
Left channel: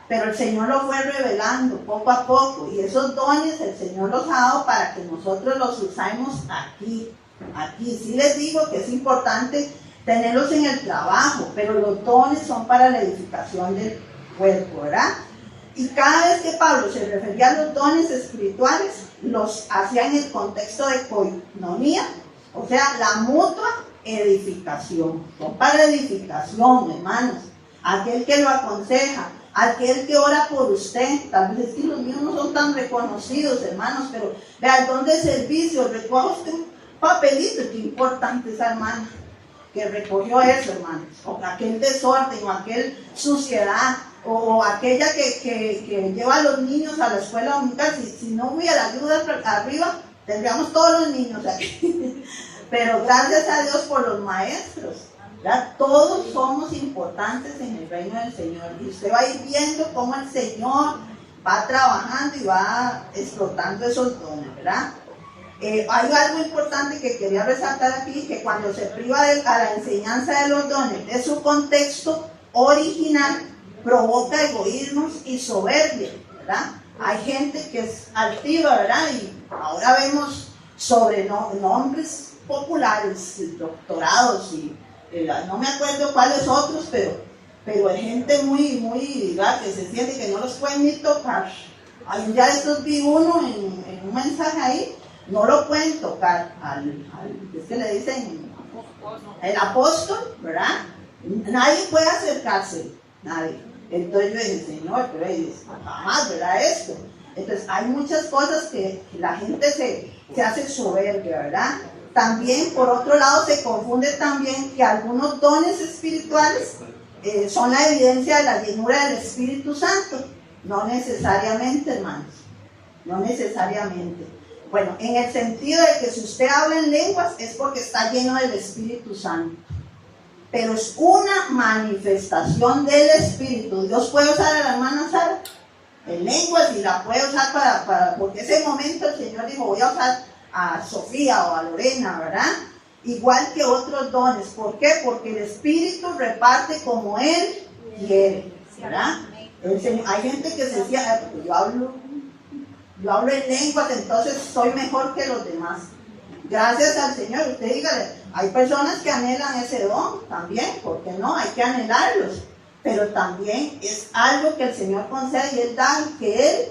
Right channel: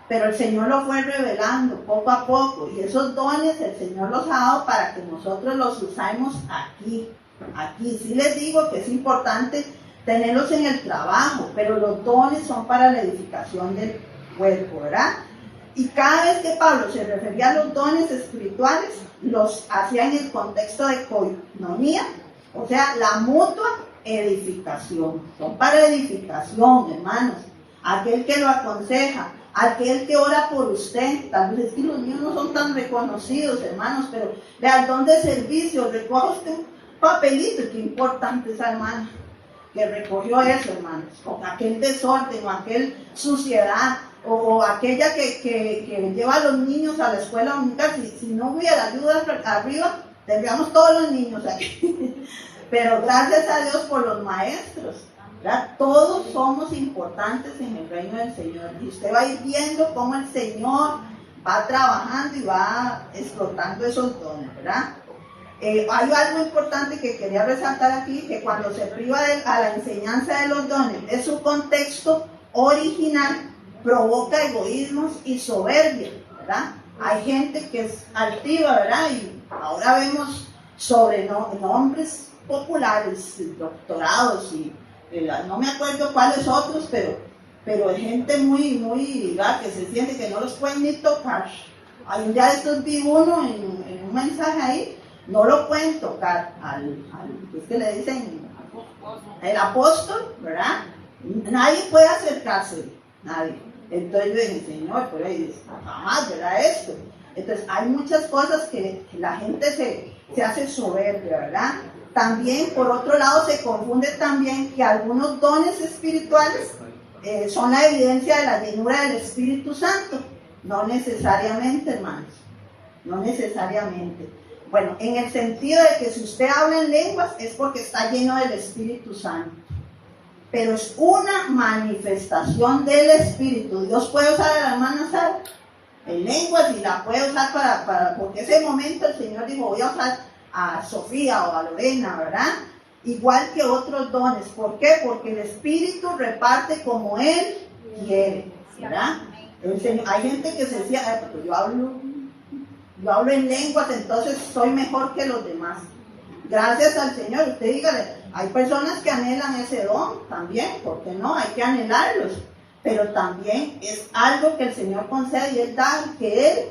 Pero el Señor lo fue revelando poco a poco. Y esos dones el Señor los ha dado para que nosotros los usemos aquí. Aquí sí les digo que es importante tenerlos en el trabajo, pero los dones son para la edificación del cuerpo, ¿verdad? Y cada vez que Pablo se refería a los dones espirituales, los hacía en el contexto de koinonia, o sea, la mutua edificación. Son para edificación, hermanos. Aquel que lo aconseja, aquel que ora por usted. Tal vez es que los míos no son tan reconocidos, hermanos, pero vea el don de servicio. Recoja usted un papelito, qué importante esa hermana que recogió eso, hermanos. O aquel desorden, o aquel suciedad, o aquella que lleva a los niños a la escuela dominical. Si no hubiera ayuda arriba, tendríamos todos los niños aquí. Pero gracias a Dios por los maestros, ¿verdad? Todos somos importantes en el reino del Señor. Y usted va a ir viendo cómo el Señor va trabajando y va explotando esos dones, ¿verdad? Hay algo importante que quería resaltar aquí, que cuando se priva a la enseñanza de los dones de su contexto original, provoca egoísmos y soberbia, ¿verdad? Hay gente que es altiva, ¿verdad? Y ahora vemos sobrenombres populares, doctorados y no me acuerdo cuáles otros, pero hay gente muy, ¿verdad? Que se siente que no los pueden ni tocar. Hay un día de estos vi uno en un mensaje ahí, no lo pueden tocar es que le dicen el apóstol, ¿verdad? Nadie puede acercarse, nadie. Entonces yo dije, Señor, pero jamás, ¿verdad? Esto. Entonces hay muchas cosas que la gente se hace soberbia, ¿verdad? También, por otro lado, se confunde también que algunos dones espirituales son la evidencia de la llenura del Espíritu Santo. No necesariamente, hermanos, no necesariamente. Bueno, en el sentido de que si usted habla en lenguas es porque está lleno del Espíritu Santo. Pero es una manifestación del Espíritu. Dios puede usar a la hermana Sara en lenguas y la puede usar porque ese momento el Señor dijo, voy a usar a Sofía o a Lorena, ¿verdad? Igual que otros dones. ¿Por qué? Porque el Espíritu reparte como Él quiere, ¿verdad? El Señor, hay gente que se decía, pues yo hablo en lenguas, entonces soy mejor que los demás. Gracias al Señor, usted dígale, hay personas que anhelan ese don también, ¿por qué no? Hay que anhelarlos, pero también es algo que el Señor concede y Él da que Él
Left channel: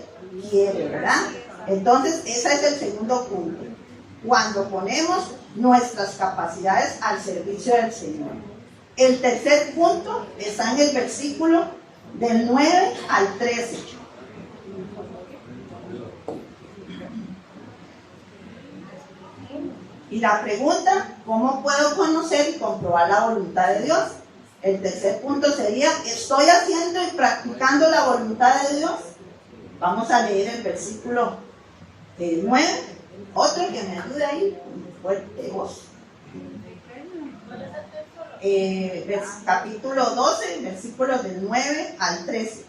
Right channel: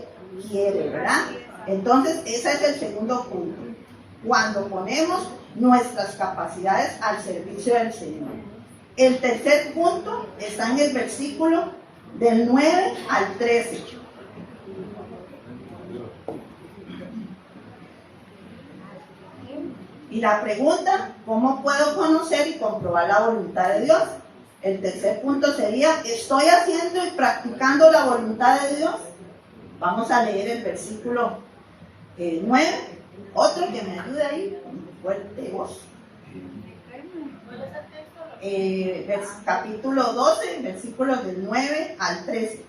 quiere, ¿verdad? Entonces, ese es el segundo punto, cuando ponemos nuestras capacidades al servicio del Señor. El tercer punto está en el versículo del 9 al 13. Y la pregunta, ¿cómo puedo conocer y comprobar la voluntad de Dios? El tercer punto sería, ¿estoy haciendo y practicando la voluntad de Dios? Vamos a leer el versículo 9. Otro que me ayude ahí, fuerte voz. Capítulo 12, versículos del 9 al 13.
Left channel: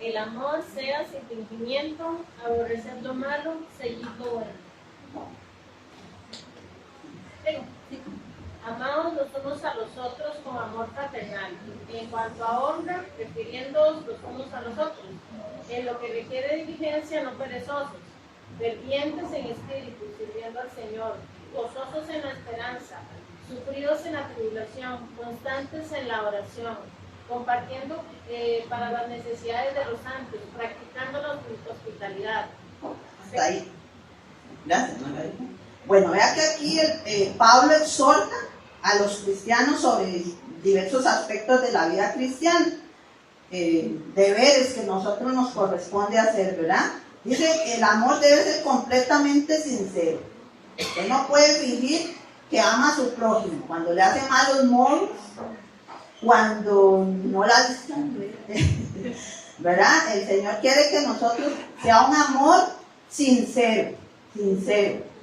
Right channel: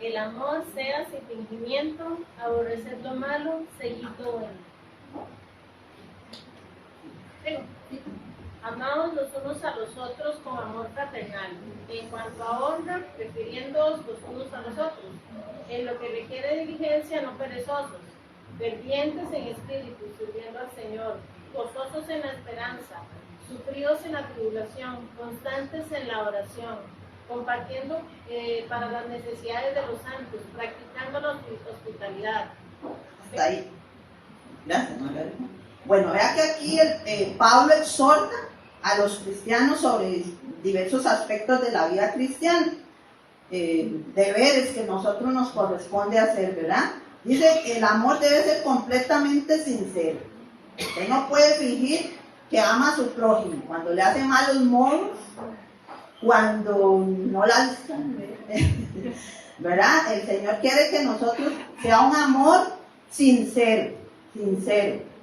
El amor sea sin fingimiento, aborrecer lo malo, seguir lo bueno. Amaos los unos a los otros con amor fraternal. En cuanto a honra, prefiriéndoos los unos a los otros. En lo que requiere diligencia, no perezosos. Fervientes en espíritu, sirviendo al Señor. Gozosos en la esperanza. Sufridos en la tribulación. Constantes en la oración. Compartiendo para las necesidades de los santos, practicando la hospitalidad. Hasta ahí. Gracias, Margarita. Bueno, vea que aquí Pablo exhorta a los cristianos sobre diversos aspectos de la vida cristiana, deberes que nosotros nos corresponde hacer, ¿verdad? Dice que el amor debe ser completamente sincero. Usted no puede fingir que ama a su prójimo cuando le hace malos modos, cuando no la ¿verdad? El Señor quiere que nosotros sea un amor sincero.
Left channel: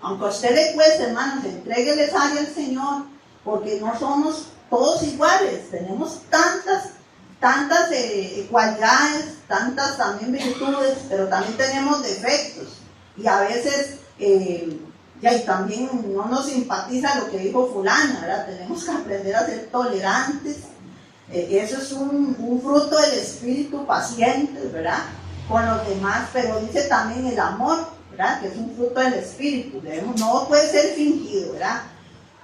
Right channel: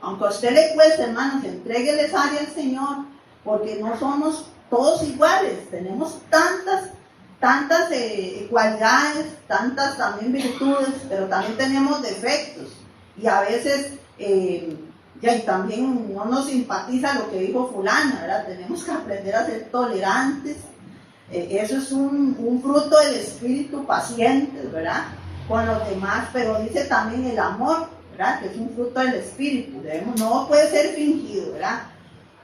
Aunque a usted le cueste, hermanos, entrégueles área al Señor, porque no somos todos iguales, tenemos tantas cualidades, tantas también virtudes, pero también tenemos defectos, y a veces y también no nos simpatiza lo que dijo fulana, ¿verdad? Tenemos que aprender a ser tolerantes. Eso es un fruto del espíritu, paciente, ¿verdad? Con los demás, pero dice también el amor, ¿verdad? Que es un fruto del espíritu, no puede ser fingido, ¿verdad?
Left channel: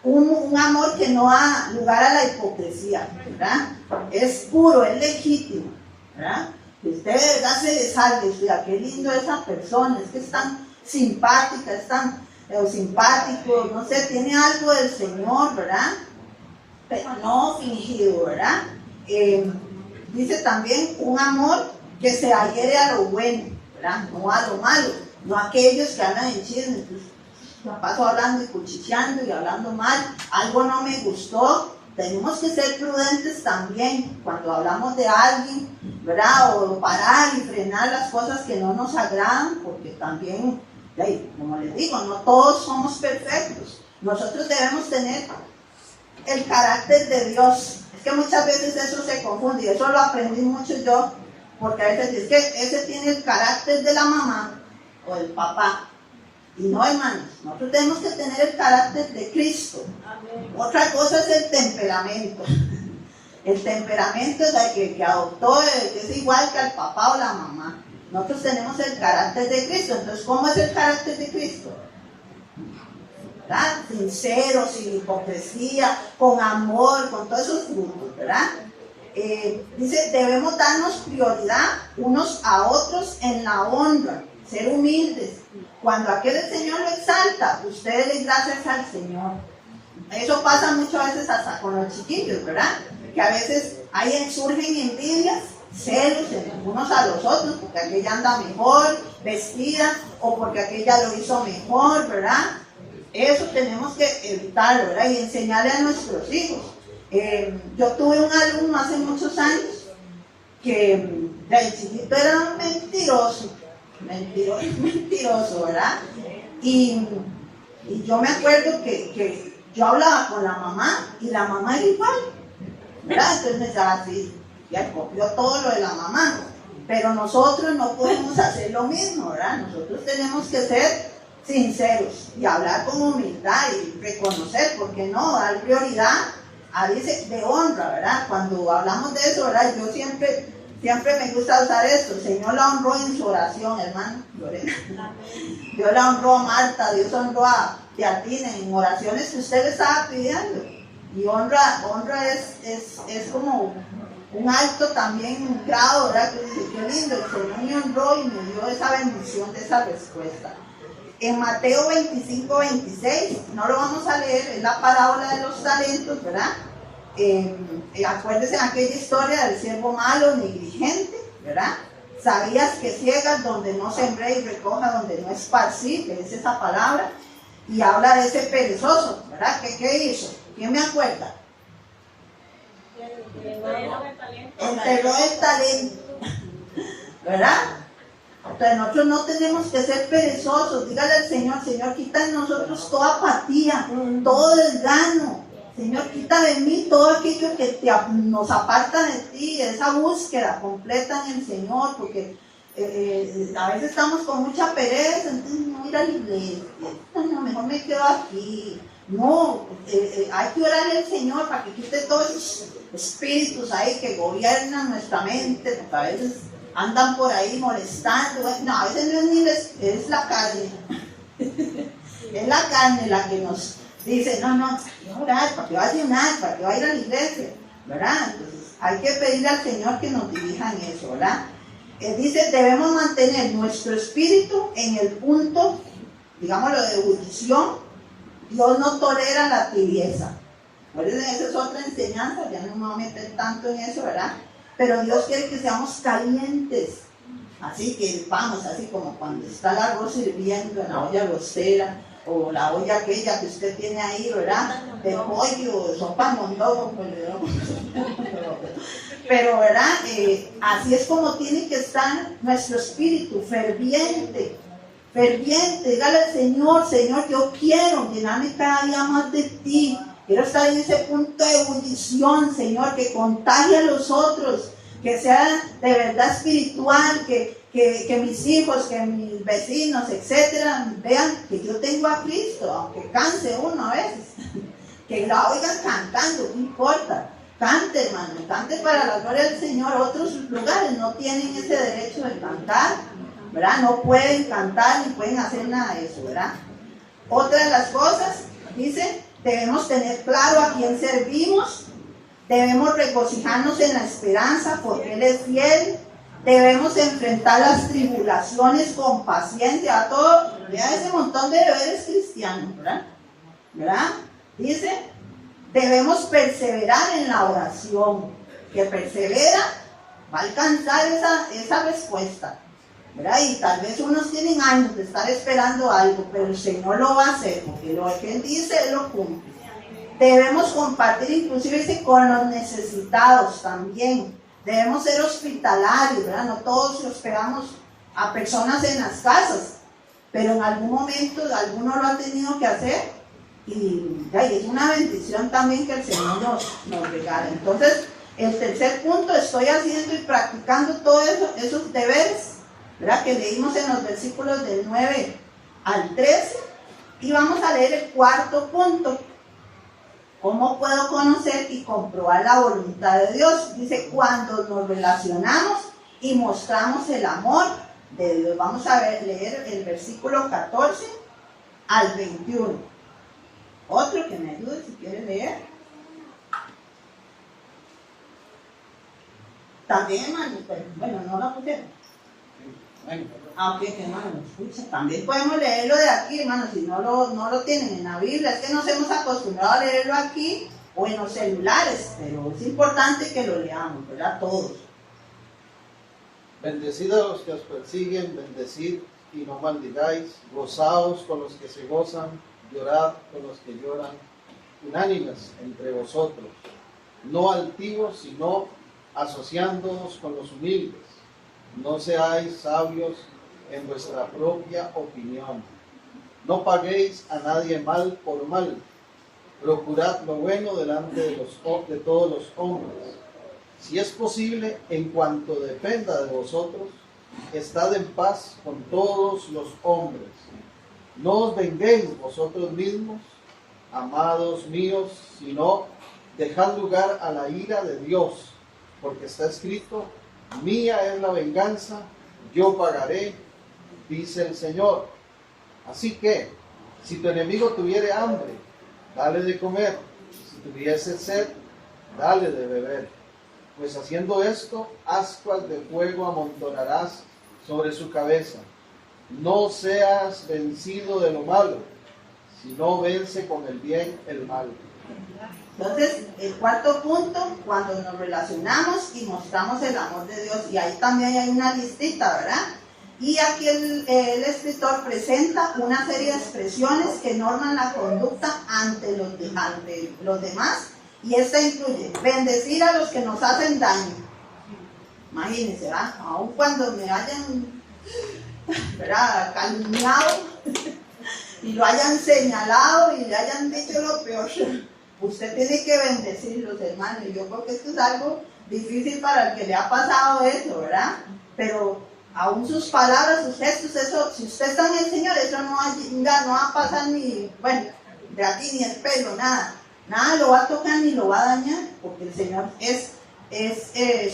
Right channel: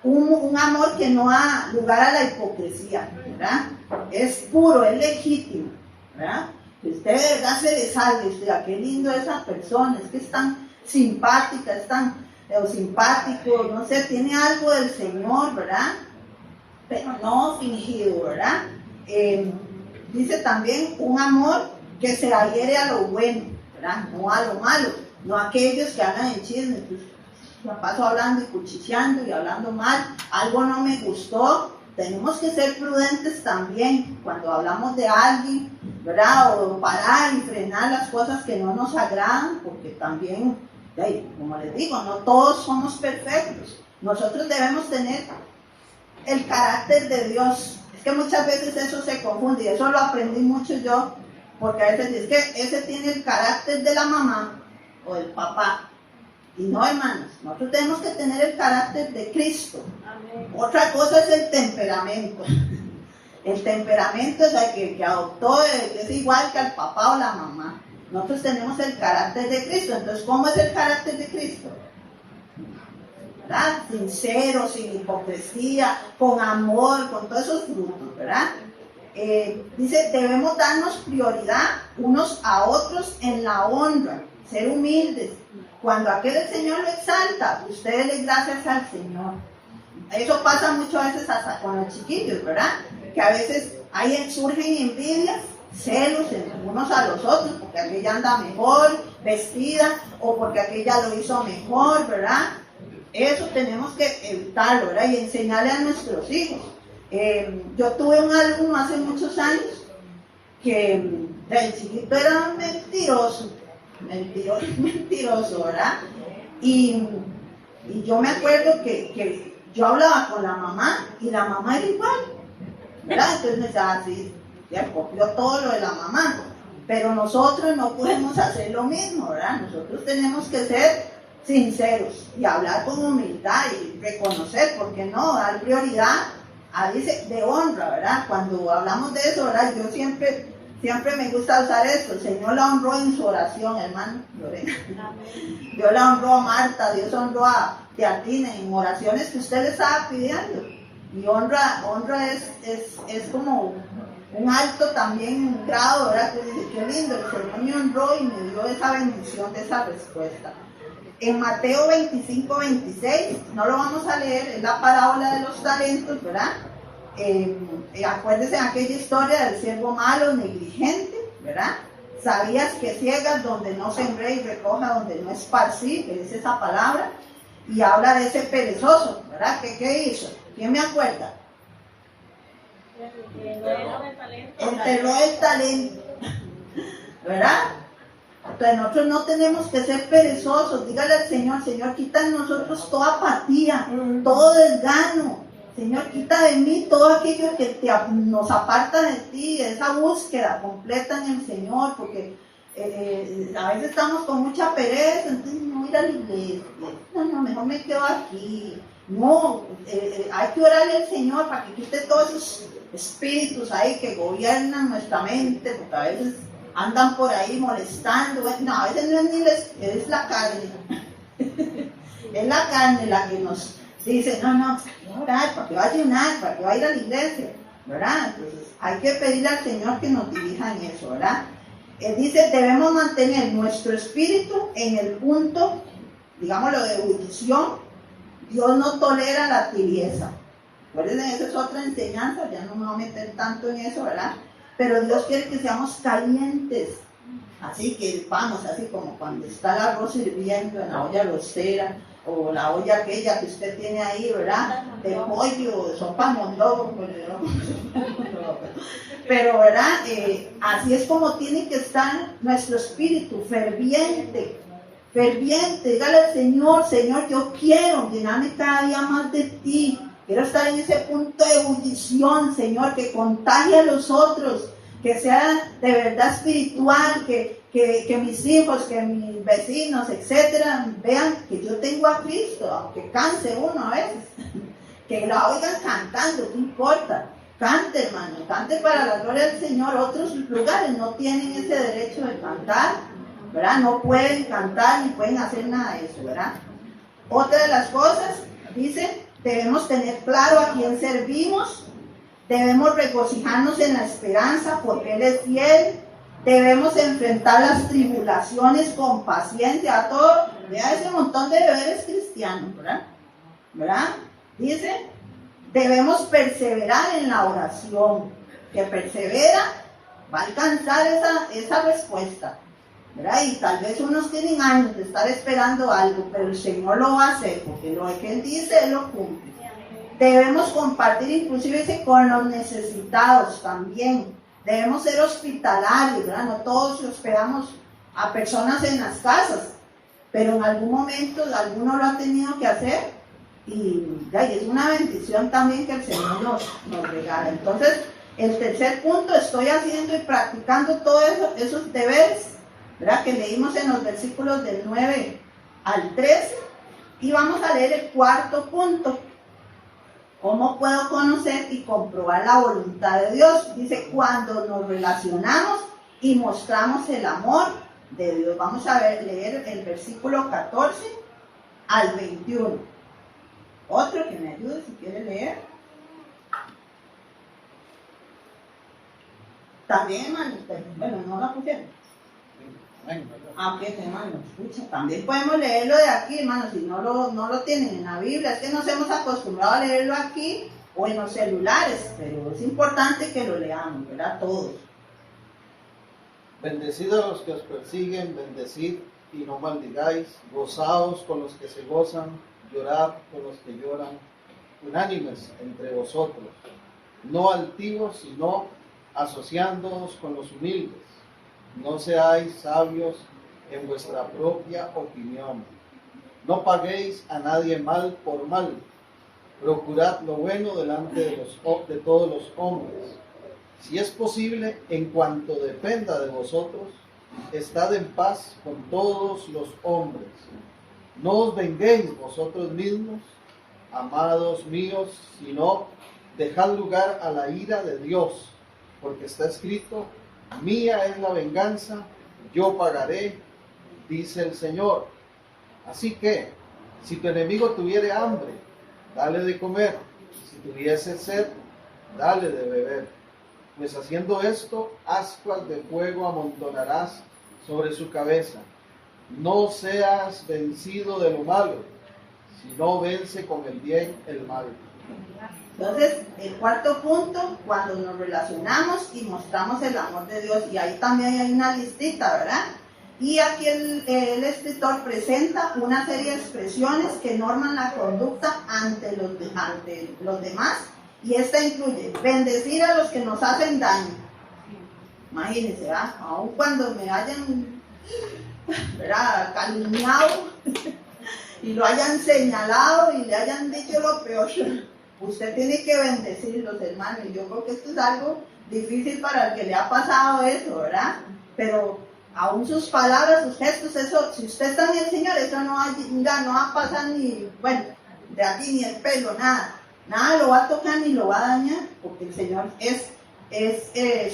un amor que no da lugar a la hipocresía, ¿verdad? Es puro, es legítimo, ¿verdad? Que usted de verdad se le salga y diga, qué lindo esa persona, es que es tan simpática, es tan simpático, no sé, tiene algo del Señor, ¿verdad? Pero no fingido, ¿verdad? Dice también un amor que se adhiere a lo bueno, ¿verdad? No a lo malo, no a aquellos que andan en chismes, pues, me paso hablando y cuchicheando y hablando mal, algo no me gustó. Tenemos que ser prudentes también cuando hablamos de alguien, ¿verdad? O parar y frenar las cosas que no nos agradan, porque también, como les digo, no todos somos perfectos. Nosotros debemos tener el carácter de Dios. Es que muchas veces eso se confunde y eso lo aprendí mucho yo, porque a veces es que ese tiene el carácter de la mamá o del papá. Y no, hermanos, nosotros tenemos que tener el carácter de Cristo. Amén. Otra cosa es el temperamento. El temperamento es el que adoptó, es igual que al papá o la mamá. Nosotros tenemos el carácter de Cristo. Entonces, ¿cómo es el carácter de Cristo? ¿Verdad? Sincero, sin hipocresía, con amor, con todos esos frutos, ¿verdad? Dice, debemos darnos prioridad unos a otros en la honra, ser humildes. Cuando aquel el Señor lo exalta, ustedes le gracias al Señor. Eso pasa muchas veces hasta con los chiquillos, ¿verdad? Que a veces surgen envidias, celos unos a los otros, porque aquella anda mejor vestida o porque aquella lo hizo mejor, ¿verdad? Eso tenemos que evitarlo, ¿verdad? Y enseñarle a nuestros hijos. Yo tuve un alumno hace muchos años que el chiquito era un mentiroso, ¿verdad? Y yo me acuerdo que yo hablaba con la mamá y la mamá era igual, ¿verdad? Entonces me decía así, ya copió todo lo de la mamá, pero nosotros no podemos hacer lo mismo, ¿verdad? Nosotros tenemos que ser sinceros y hablar con humildad y reconocer, ¿por qué no? Dar prioridad a dice de honra, ¿verdad? Cuando hablamos de eso, ¿verdad? Yo siempre me gusta usar esto. El Señor la honró en su oración, hermano Lorena. Dios la honró a Marta, Dios honró a Teatina en oraciones que usted le estaba pidiendo. Y honra es como un alto también grado, ¿verdad? Que dice, qué lindo, el Señor me honró y me dio esa bendición de esa respuesta. En Mateo 25, 26, no lo vamos a leer, es la parábola de los talentos, ¿verdad? Acuérdense de aquella historia del siervo malo, negligente, ¿verdad? Sabías que ciegas donde no sembré y recoja donde no esparcí, que es esa palabra, y habla de ese perezoso, ¿verdad? ¿Qué hizo? ¿Quién me acuerda? Enterró el talento, ¿verdad? Entonces nosotros no tenemos que ser perezosos. Dígale al Señor, Señor, quita de nosotros toda apatía, todo desgano. Señor, quita de mí todo aquello que nos aparta de ti, esa búsqueda completa en el Señor, porque a veces estamos con mucha pereza, entonces no ir a la iglesia, no, mejor me quedo aquí. No, hay que orarle al Señor para que quite todos esos espíritus ahí que gobiernan nuestra mente, porque a veces andan por ahí molestando. No, a veces no es ni es la carne. Es la carne la que nos dice, no, hay que orar, para que va a ayunar, para que va a ir a la iglesia, ¿verdad? Entonces hay que pedirle al Señor que nos dirija en eso, ¿verdad? Dice, debemos mantener nuestro espíritu en el punto, digámoslo, de ebullición. Dios no tolera la tibieza. Esa es otra enseñanza, ya no me voy a meter tanto en eso, ¿verdad? Pero Dios quiere que seamos calientes. Así que vamos, así como cuando está el arroz hirviendo en la olla arrocera, o la olla aquella que usted tiene ahí, ¿verdad? De pollo, de sopa mondongo, pero, ¿verdad? Así es como tiene que estar nuestro espíritu, ferviente. Dígale al Señor, Señor, yo quiero llenarme cada día más de ti. Quiero estar en ese punto de ebullición, Señor, que contagie a los otros, que sea de verdad espiritual, que mis hijos, que mis vecinos, etcétera, vean que yo tengo a Cristo, aunque canse uno a veces, que la oigan cantando, no importa, cante, hermano, cante para la gloria del Señor. Otros lugares no tienen ese derecho de cantar, ¿verdad? No pueden cantar ni pueden hacer nada de eso, ¿verdad? Otra de las cosas, dice, debemos tener claro a quién servimos, debemos regocijarnos en la esperanza porque Él es fiel, debemos enfrentar las tribulaciones con paciencia, a todo, vea ese montón de deberes cristianos, ¿verdad? Dice, debemos perseverar en la oración, que persevera va a alcanzar esa respuesta, ¿verdad? Y tal vez unos tienen años de estar esperando algo, pero el Señor lo va a hacer, porque lo que Él dice, Él lo cumple. Debemos compartir inclusive con los necesitados también. Debemos ser hospitalarios, ¿verdad? No todos hospedamos a personas en las casas, pero en algún momento algunos lo han tenido que hacer y es una bendición también que el Señor nos regala. Entonces, el tercer punto, estoy haciendo y practicando todos esos deberes, ¿verdad? Que leímos en los versículos del 9 al 13. Y vamos a leer el cuarto punto. ¿Cómo puedo conocer y comprobar la voluntad de Dios? Dice, cuando nos relacionamos y mostramos el amor de Dios. Vamos a leer el versículo 14 al 21. Otro que me ayude si quiere leer. También, hermano, bueno, no la pusieron. Aunque hermano, escucha, también podemos leerlo de aquí, hermano, si no lo tienen en la Biblia. Es que nos hemos acostumbrado a leerlo aquí o en los celulares, pero es importante que lo leamos, ¿verdad? Todos. Bendecid a los que os persiguen, bendecid y no maldigáis, gozaos con los que se gozan, llorad con los que lloran, unánimes entre vosotros, no altivos, sino asociándoos con los humildes. No seáis sabios en vuestra propia opinión. No paguéis a nadie mal por mal. Procurad lo bueno delante de todos los hombres. Si es posible, en cuanto dependa de vosotros, estad en paz con todos los hombres. No os venguéis vosotros mismos, amados míos, sino dejad lugar a la ira de Dios, porque está escrito, mía es la venganza, yo pagaré, dice el Señor. Así que, si tu enemigo tuviere hambre, dale de comer, si tuviese sed, dale de beber, pues haciendo esto, ascuas de fuego amontonarás sobre su cabeza. No seas vencido de lo malo, sino vence con el bien el mal. Entonces, el cuarto punto, cuando nos relacionamos y mostramos el amor de Dios, y ahí también hay una listita, ¿verdad? Y aquí el escritor presenta una serie de expresiones que norman la conducta ante los demás, y esta incluye bendecir a los que nos hacen daño. Imagínense, ¿verdad? Aun cuando me hayan, ¿verdad?, calumniado y lo hayan señalado y le hayan dicho lo peor, usted tiene que bendecirlos, hermanos. Y yo creo que esto es algo difícil para el que le ha pasado eso, ¿verdad? Pero aún sus palabras, sus gestos, eso, si usted está en el Señor, eso no va a pasar ni, bueno, de aquí ni el pelo, nada lo va a tocar ni lo va a dañar, porque el Señor es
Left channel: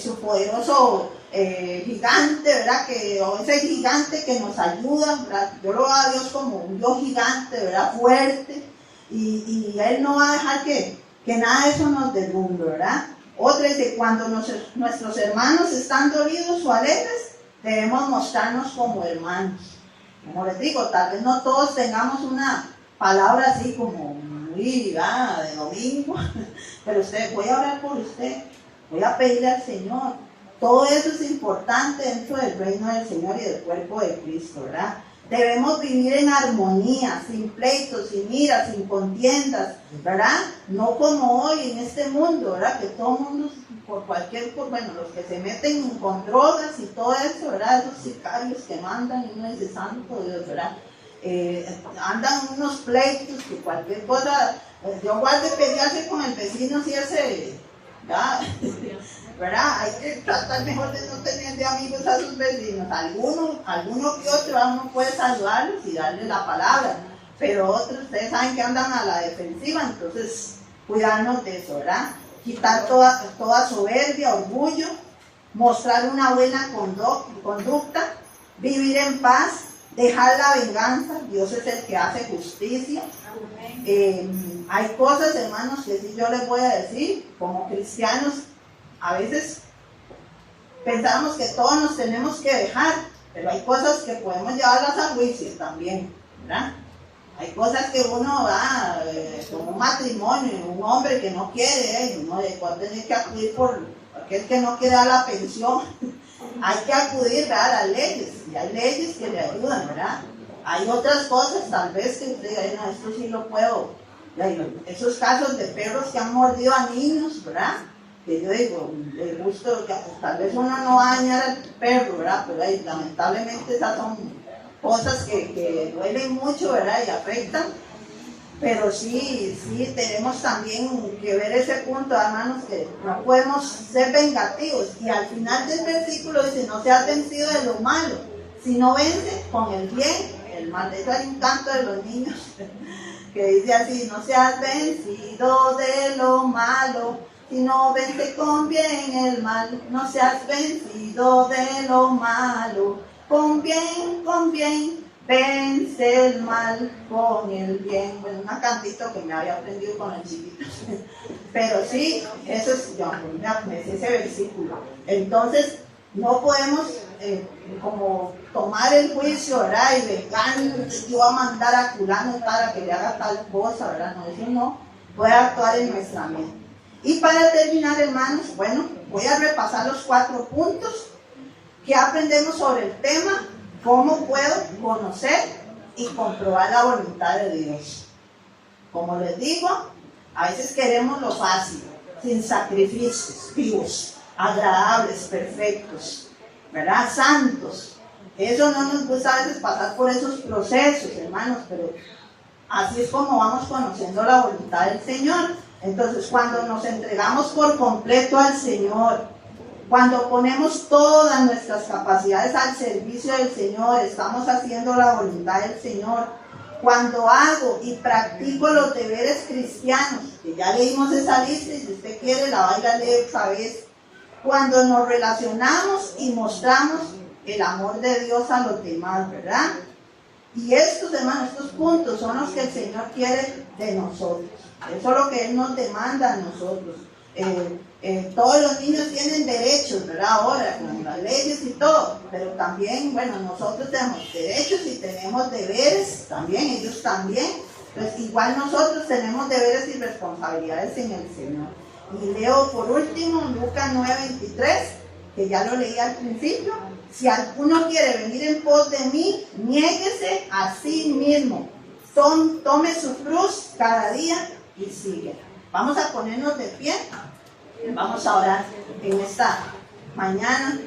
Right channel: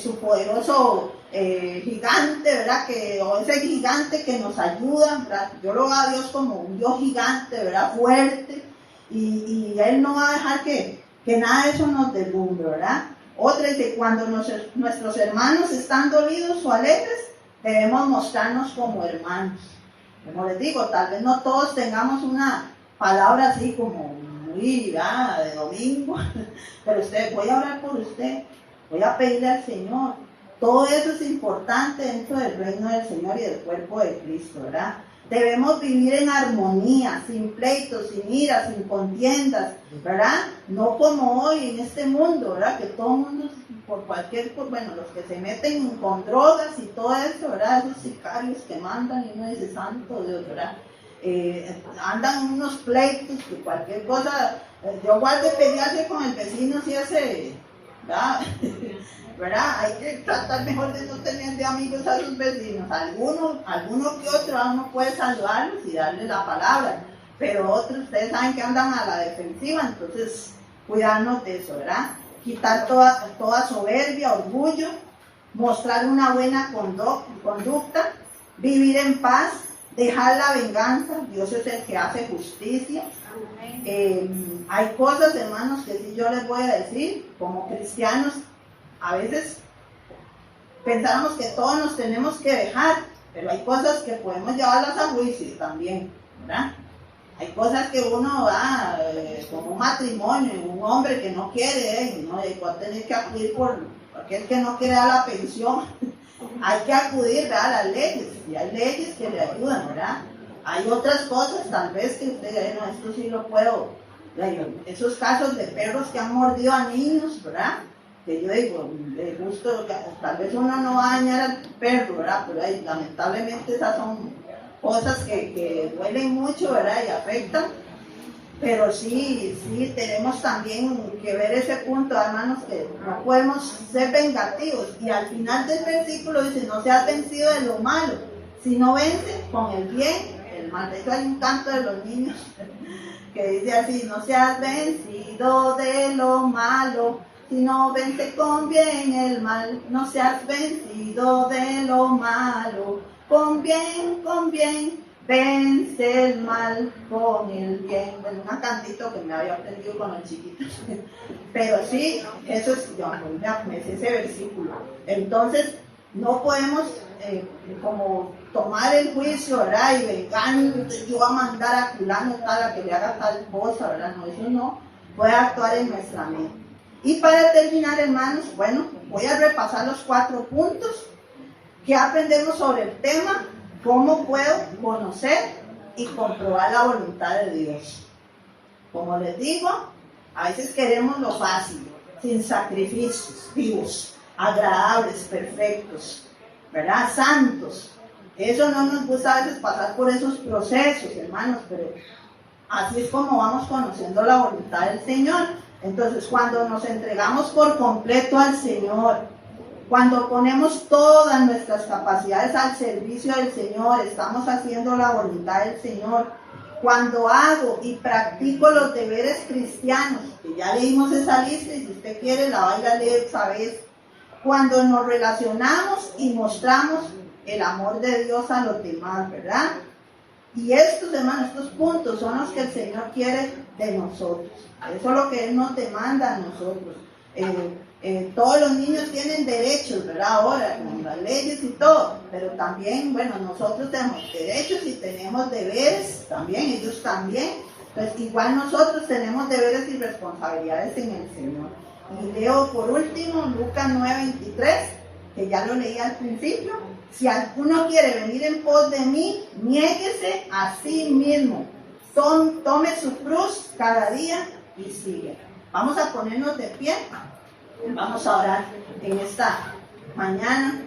su poderoso gigante, ¿verdad? O ese gigante que nos ayuda, ¿verdad? Yo lo veo a Dios como un Dios gigante, ¿verdad? Fuerte, y Él no va a dejar que nada de eso nos derrumbe, ¿verdad? Otra dice, cuando nuestros hermanos están dolidos o alegres, debemos mostrarnos como hermanos. Como les digo, tal vez no todos tengamos una palabra así como muy de domingo, pero voy a hablar por usted, voy a pedirle al Señor. Todo eso es importante dentro del reino del Señor y del cuerpo de Cristo, ¿verdad? Debemos vivir en armonía, sin pleitos, sin ira, sin contiendas, ¿verdad? No como hoy en este mundo, ¿verdad? Que todo el mundo, bueno, los que se meten con drogas y todo eso, ¿verdad? Esos sicarios que mandan y uno dice, santo Dios, ¿verdad? Andan unos pleitos que cualquier cosa, yo guarde pelearse con el vecino si ese, ¿verdad? Hay que tratar mejor de no tener de amigos a sus vecinos. Alguno que otro uno puede saludarlos y darles la palabra, pero otros, ustedes saben que andan a la defensiva, entonces cuidarnos de eso, ¿verdad? Quitar toda soberbia, orgullo, mostrar una buena conducta, vivir en paz, dejar la venganza. Dios es el que hace justicia. Hay cosas, hermanos, que sí yo les voy a decir, como cristianos, a veces pensamos que todos nos tenemos que dejar, pero hay cosas que podemos llevarlas a juicio también, ¿verdad? Hay cosas que uno va, como un matrimonio, un hombre que no quiere, ¿no? Va a tener que acudir por aquel que no quiere dar la pensión. Hay que acudir, ¿verdad?, a las leyes, y hay leyes que le ayudan, ¿verdad? Hay otras cosas, tal vez, que usted diga, no, esto sí lo puedo. Esos casos de perros que han mordido a niños, ¿verdad? Que yo digo, de gusto, tal vez uno no va a dañar al perro, ¿verdad? Pero lamentablemente esas son cosas que duelen mucho, ¿verdad? Y afectan. Pero sí tenemos también que ver ese punto, hermanos, que no podemos ser vengativos. Y al final del versículo dice, no seas vencido de lo malo, sino vence con el bien el mal. De hecho hay un canto de los niños que dice así, no seas vencido de lo malo, sino vence con bien el mal. No seas vencido de lo malo, con bien, vence el mal con el bien. Bueno, un cantito que me había aprendido con el chiquito. Pero sí, eso es, yo me sé ese versículo. Entonces, no podemos como tomar el juicio, ¿verdad? Y vengar, yo voy a mandar a fulano tal a que le haga tal cosa, ¿verdad? No, eso no puede actuar en nuestra mente. Y para terminar, hermanos, bueno, voy a repasar los 4 puntos que aprendemos sobre el tema. ¿Cómo puedo conocer y comprobar la voluntad de Dios? Como les digo, a veces queremos lo fácil, sin sacrificios, vivos, agradables, perfectos, ¿verdad? Santos. Eso no nos gusta a veces pasar por esos procesos, hermanos, pero así es como vamos conociendo la voluntad del Señor. Entonces, cuando nos entregamos por completo al Señor, cuando ponemos todas nuestras capacidades al servicio del Señor, estamos haciendo la voluntad del Señor. Cuando hago y practico los deberes cristianos, que ya leímos esa lista y si usted quiere la va a ir a leer otra vez. Cuando nos relacionamos y mostramos el amor de Dios a los demás, ¿verdad? Y estos, hermanos, estos puntos son los que el Señor quiere de nosotros. Eso es lo que Él nos demanda a nosotros. Todos los niños tienen derechos, ¿verdad? Ahora, con las leyes y todo, pero también, bueno, nosotros tenemos derechos y tenemos deberes, también, ellos también. Entonces, igual nosotros tenemos deberes y responsabilidades en el Señor. Y leo por último Lucas 9:23, que ya lo leí al principio. Si alguno quiere venir en pos de mí, niéguese a sí mismo, tome su cruz cada día y sigue. Vamos a ponernos de pie. Vamos a orar en esta mañana.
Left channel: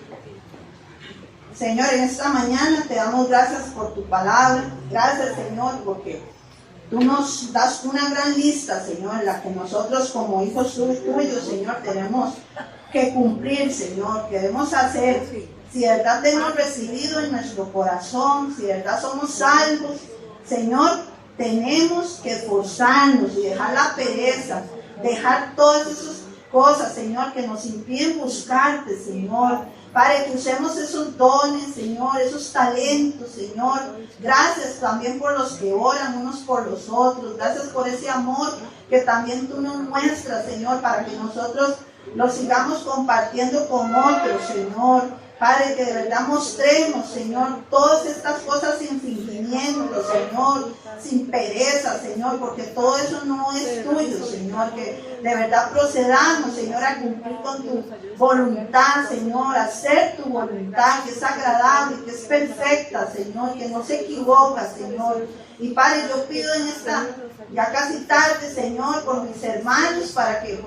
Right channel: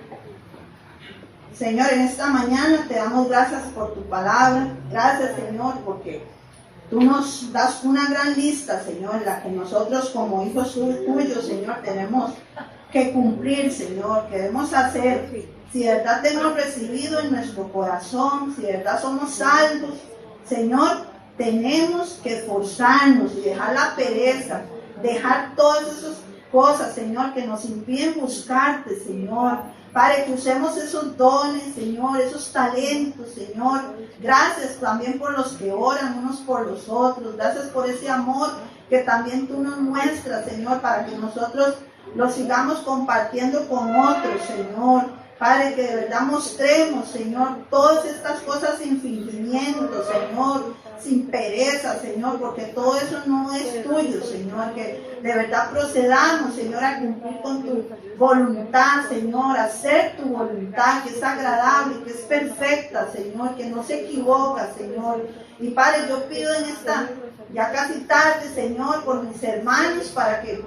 Señor, en esta mañana te damos gracias por tu palabra. Gracias, Señor, porque tú nos das una gran lista, Señor, en la que nosotros como hijos tuyos, Señor, tenemos que cumplir, Señor, que debemos hacer. Si de verdad te hemos recibido en nuestro corazón, si de verdad somos salvos, Señor, tenemos que esforzarnos y dejar la pereza, dejar todas esas cosas, Señor, que nos impiden buscarte, Señor, para que usemos esos dones, Señor, esos talentos, Señor. Gracias también por los que oran unos por los otros. Gracias por ese amor que también tú nos muestras, Señor, para que nosotros lo sigamos compartiendo con otros, Señor. Padre, que de verdad mostremos, Señor, todas estas cosas sin fingimiento, Señor, sin pereza, Señor, porque todo eso no es tuyo, Señor, que de verdad procedamos, Señor, a cumplir con tu voluntad, Señor, a hacer tu voluntad, que es agradable, que es perfecta, Señor, que no se equivoca, Señor. Y Padre, yo pido en esta ya casi tarde, Señor, por mis hermanos, para que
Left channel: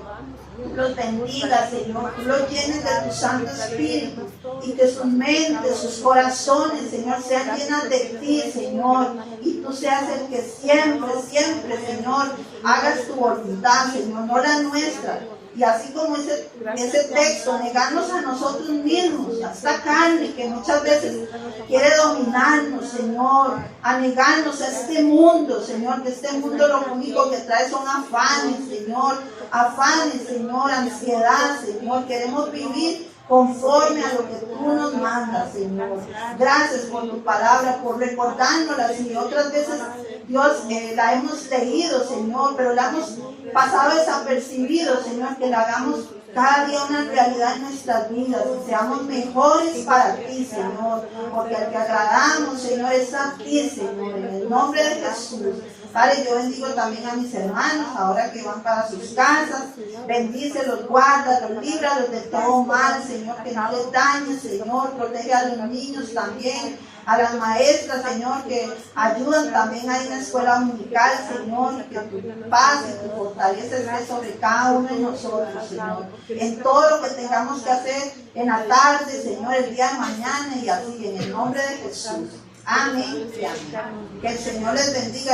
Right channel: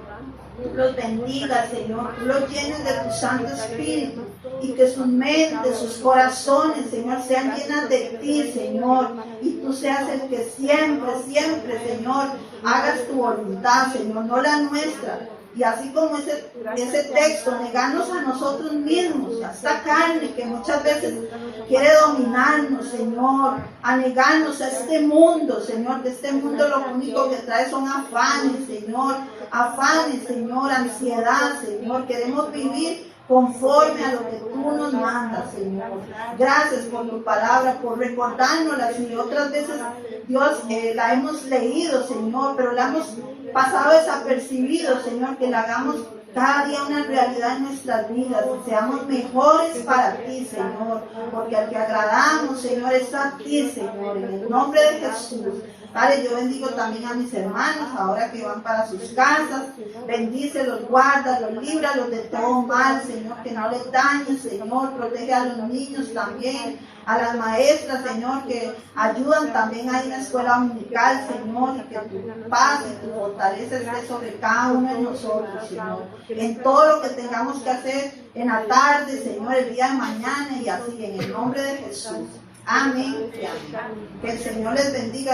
los bendiga, Señor, tú los llenes de tu Santo Espíritu y que sus mentes, sus corazones, Señor, sean llenas de ti, Señor, y tú seas el que siempre, siempre, Señor, hagas tu voluntad, Señor, no la nuestra. Y así como ese texto, negarnos a nosotros mismos, a esta carne que muchas veces quiere dominarnos, Señor, a negarnos a este mundo, Señor, que este mundo lo único que trae son afanes, Señor, ansiedad, Señor. Queremos vivir conforme a lo que tú nos mandas, Señor. Gracias por tu palabra, por recordárnosla, Señor. Otras veces, Dios, la hemos leído, Señor, pero la hemos pasado desapercibido, Señor, que la hagamos cada día una realidad en nuestras vidas, que seamos mejores para ti, Señor, porque al que agradamos, Señor, es a ti, Señor, en el nombre de Jesús. Padre, yo bendigo también a mis hermanos, ahora que van para sus casas, bendícelos, guárdalos, líbralos de todo mal, Señor, que no les dañe, Señor, protege a los niños también, a las maestras, Señor, que ayudan también ahí en la escuela dominical, Señor, y que tu paz y tu fortaleza esté sobre cada uno de nosotros, Señor, en todo lo que tengamos que hacer en la tarde, Señor, el día de mañana y así, en el nombre de Jesús. Amén y amén. Que el Señor les bendiga.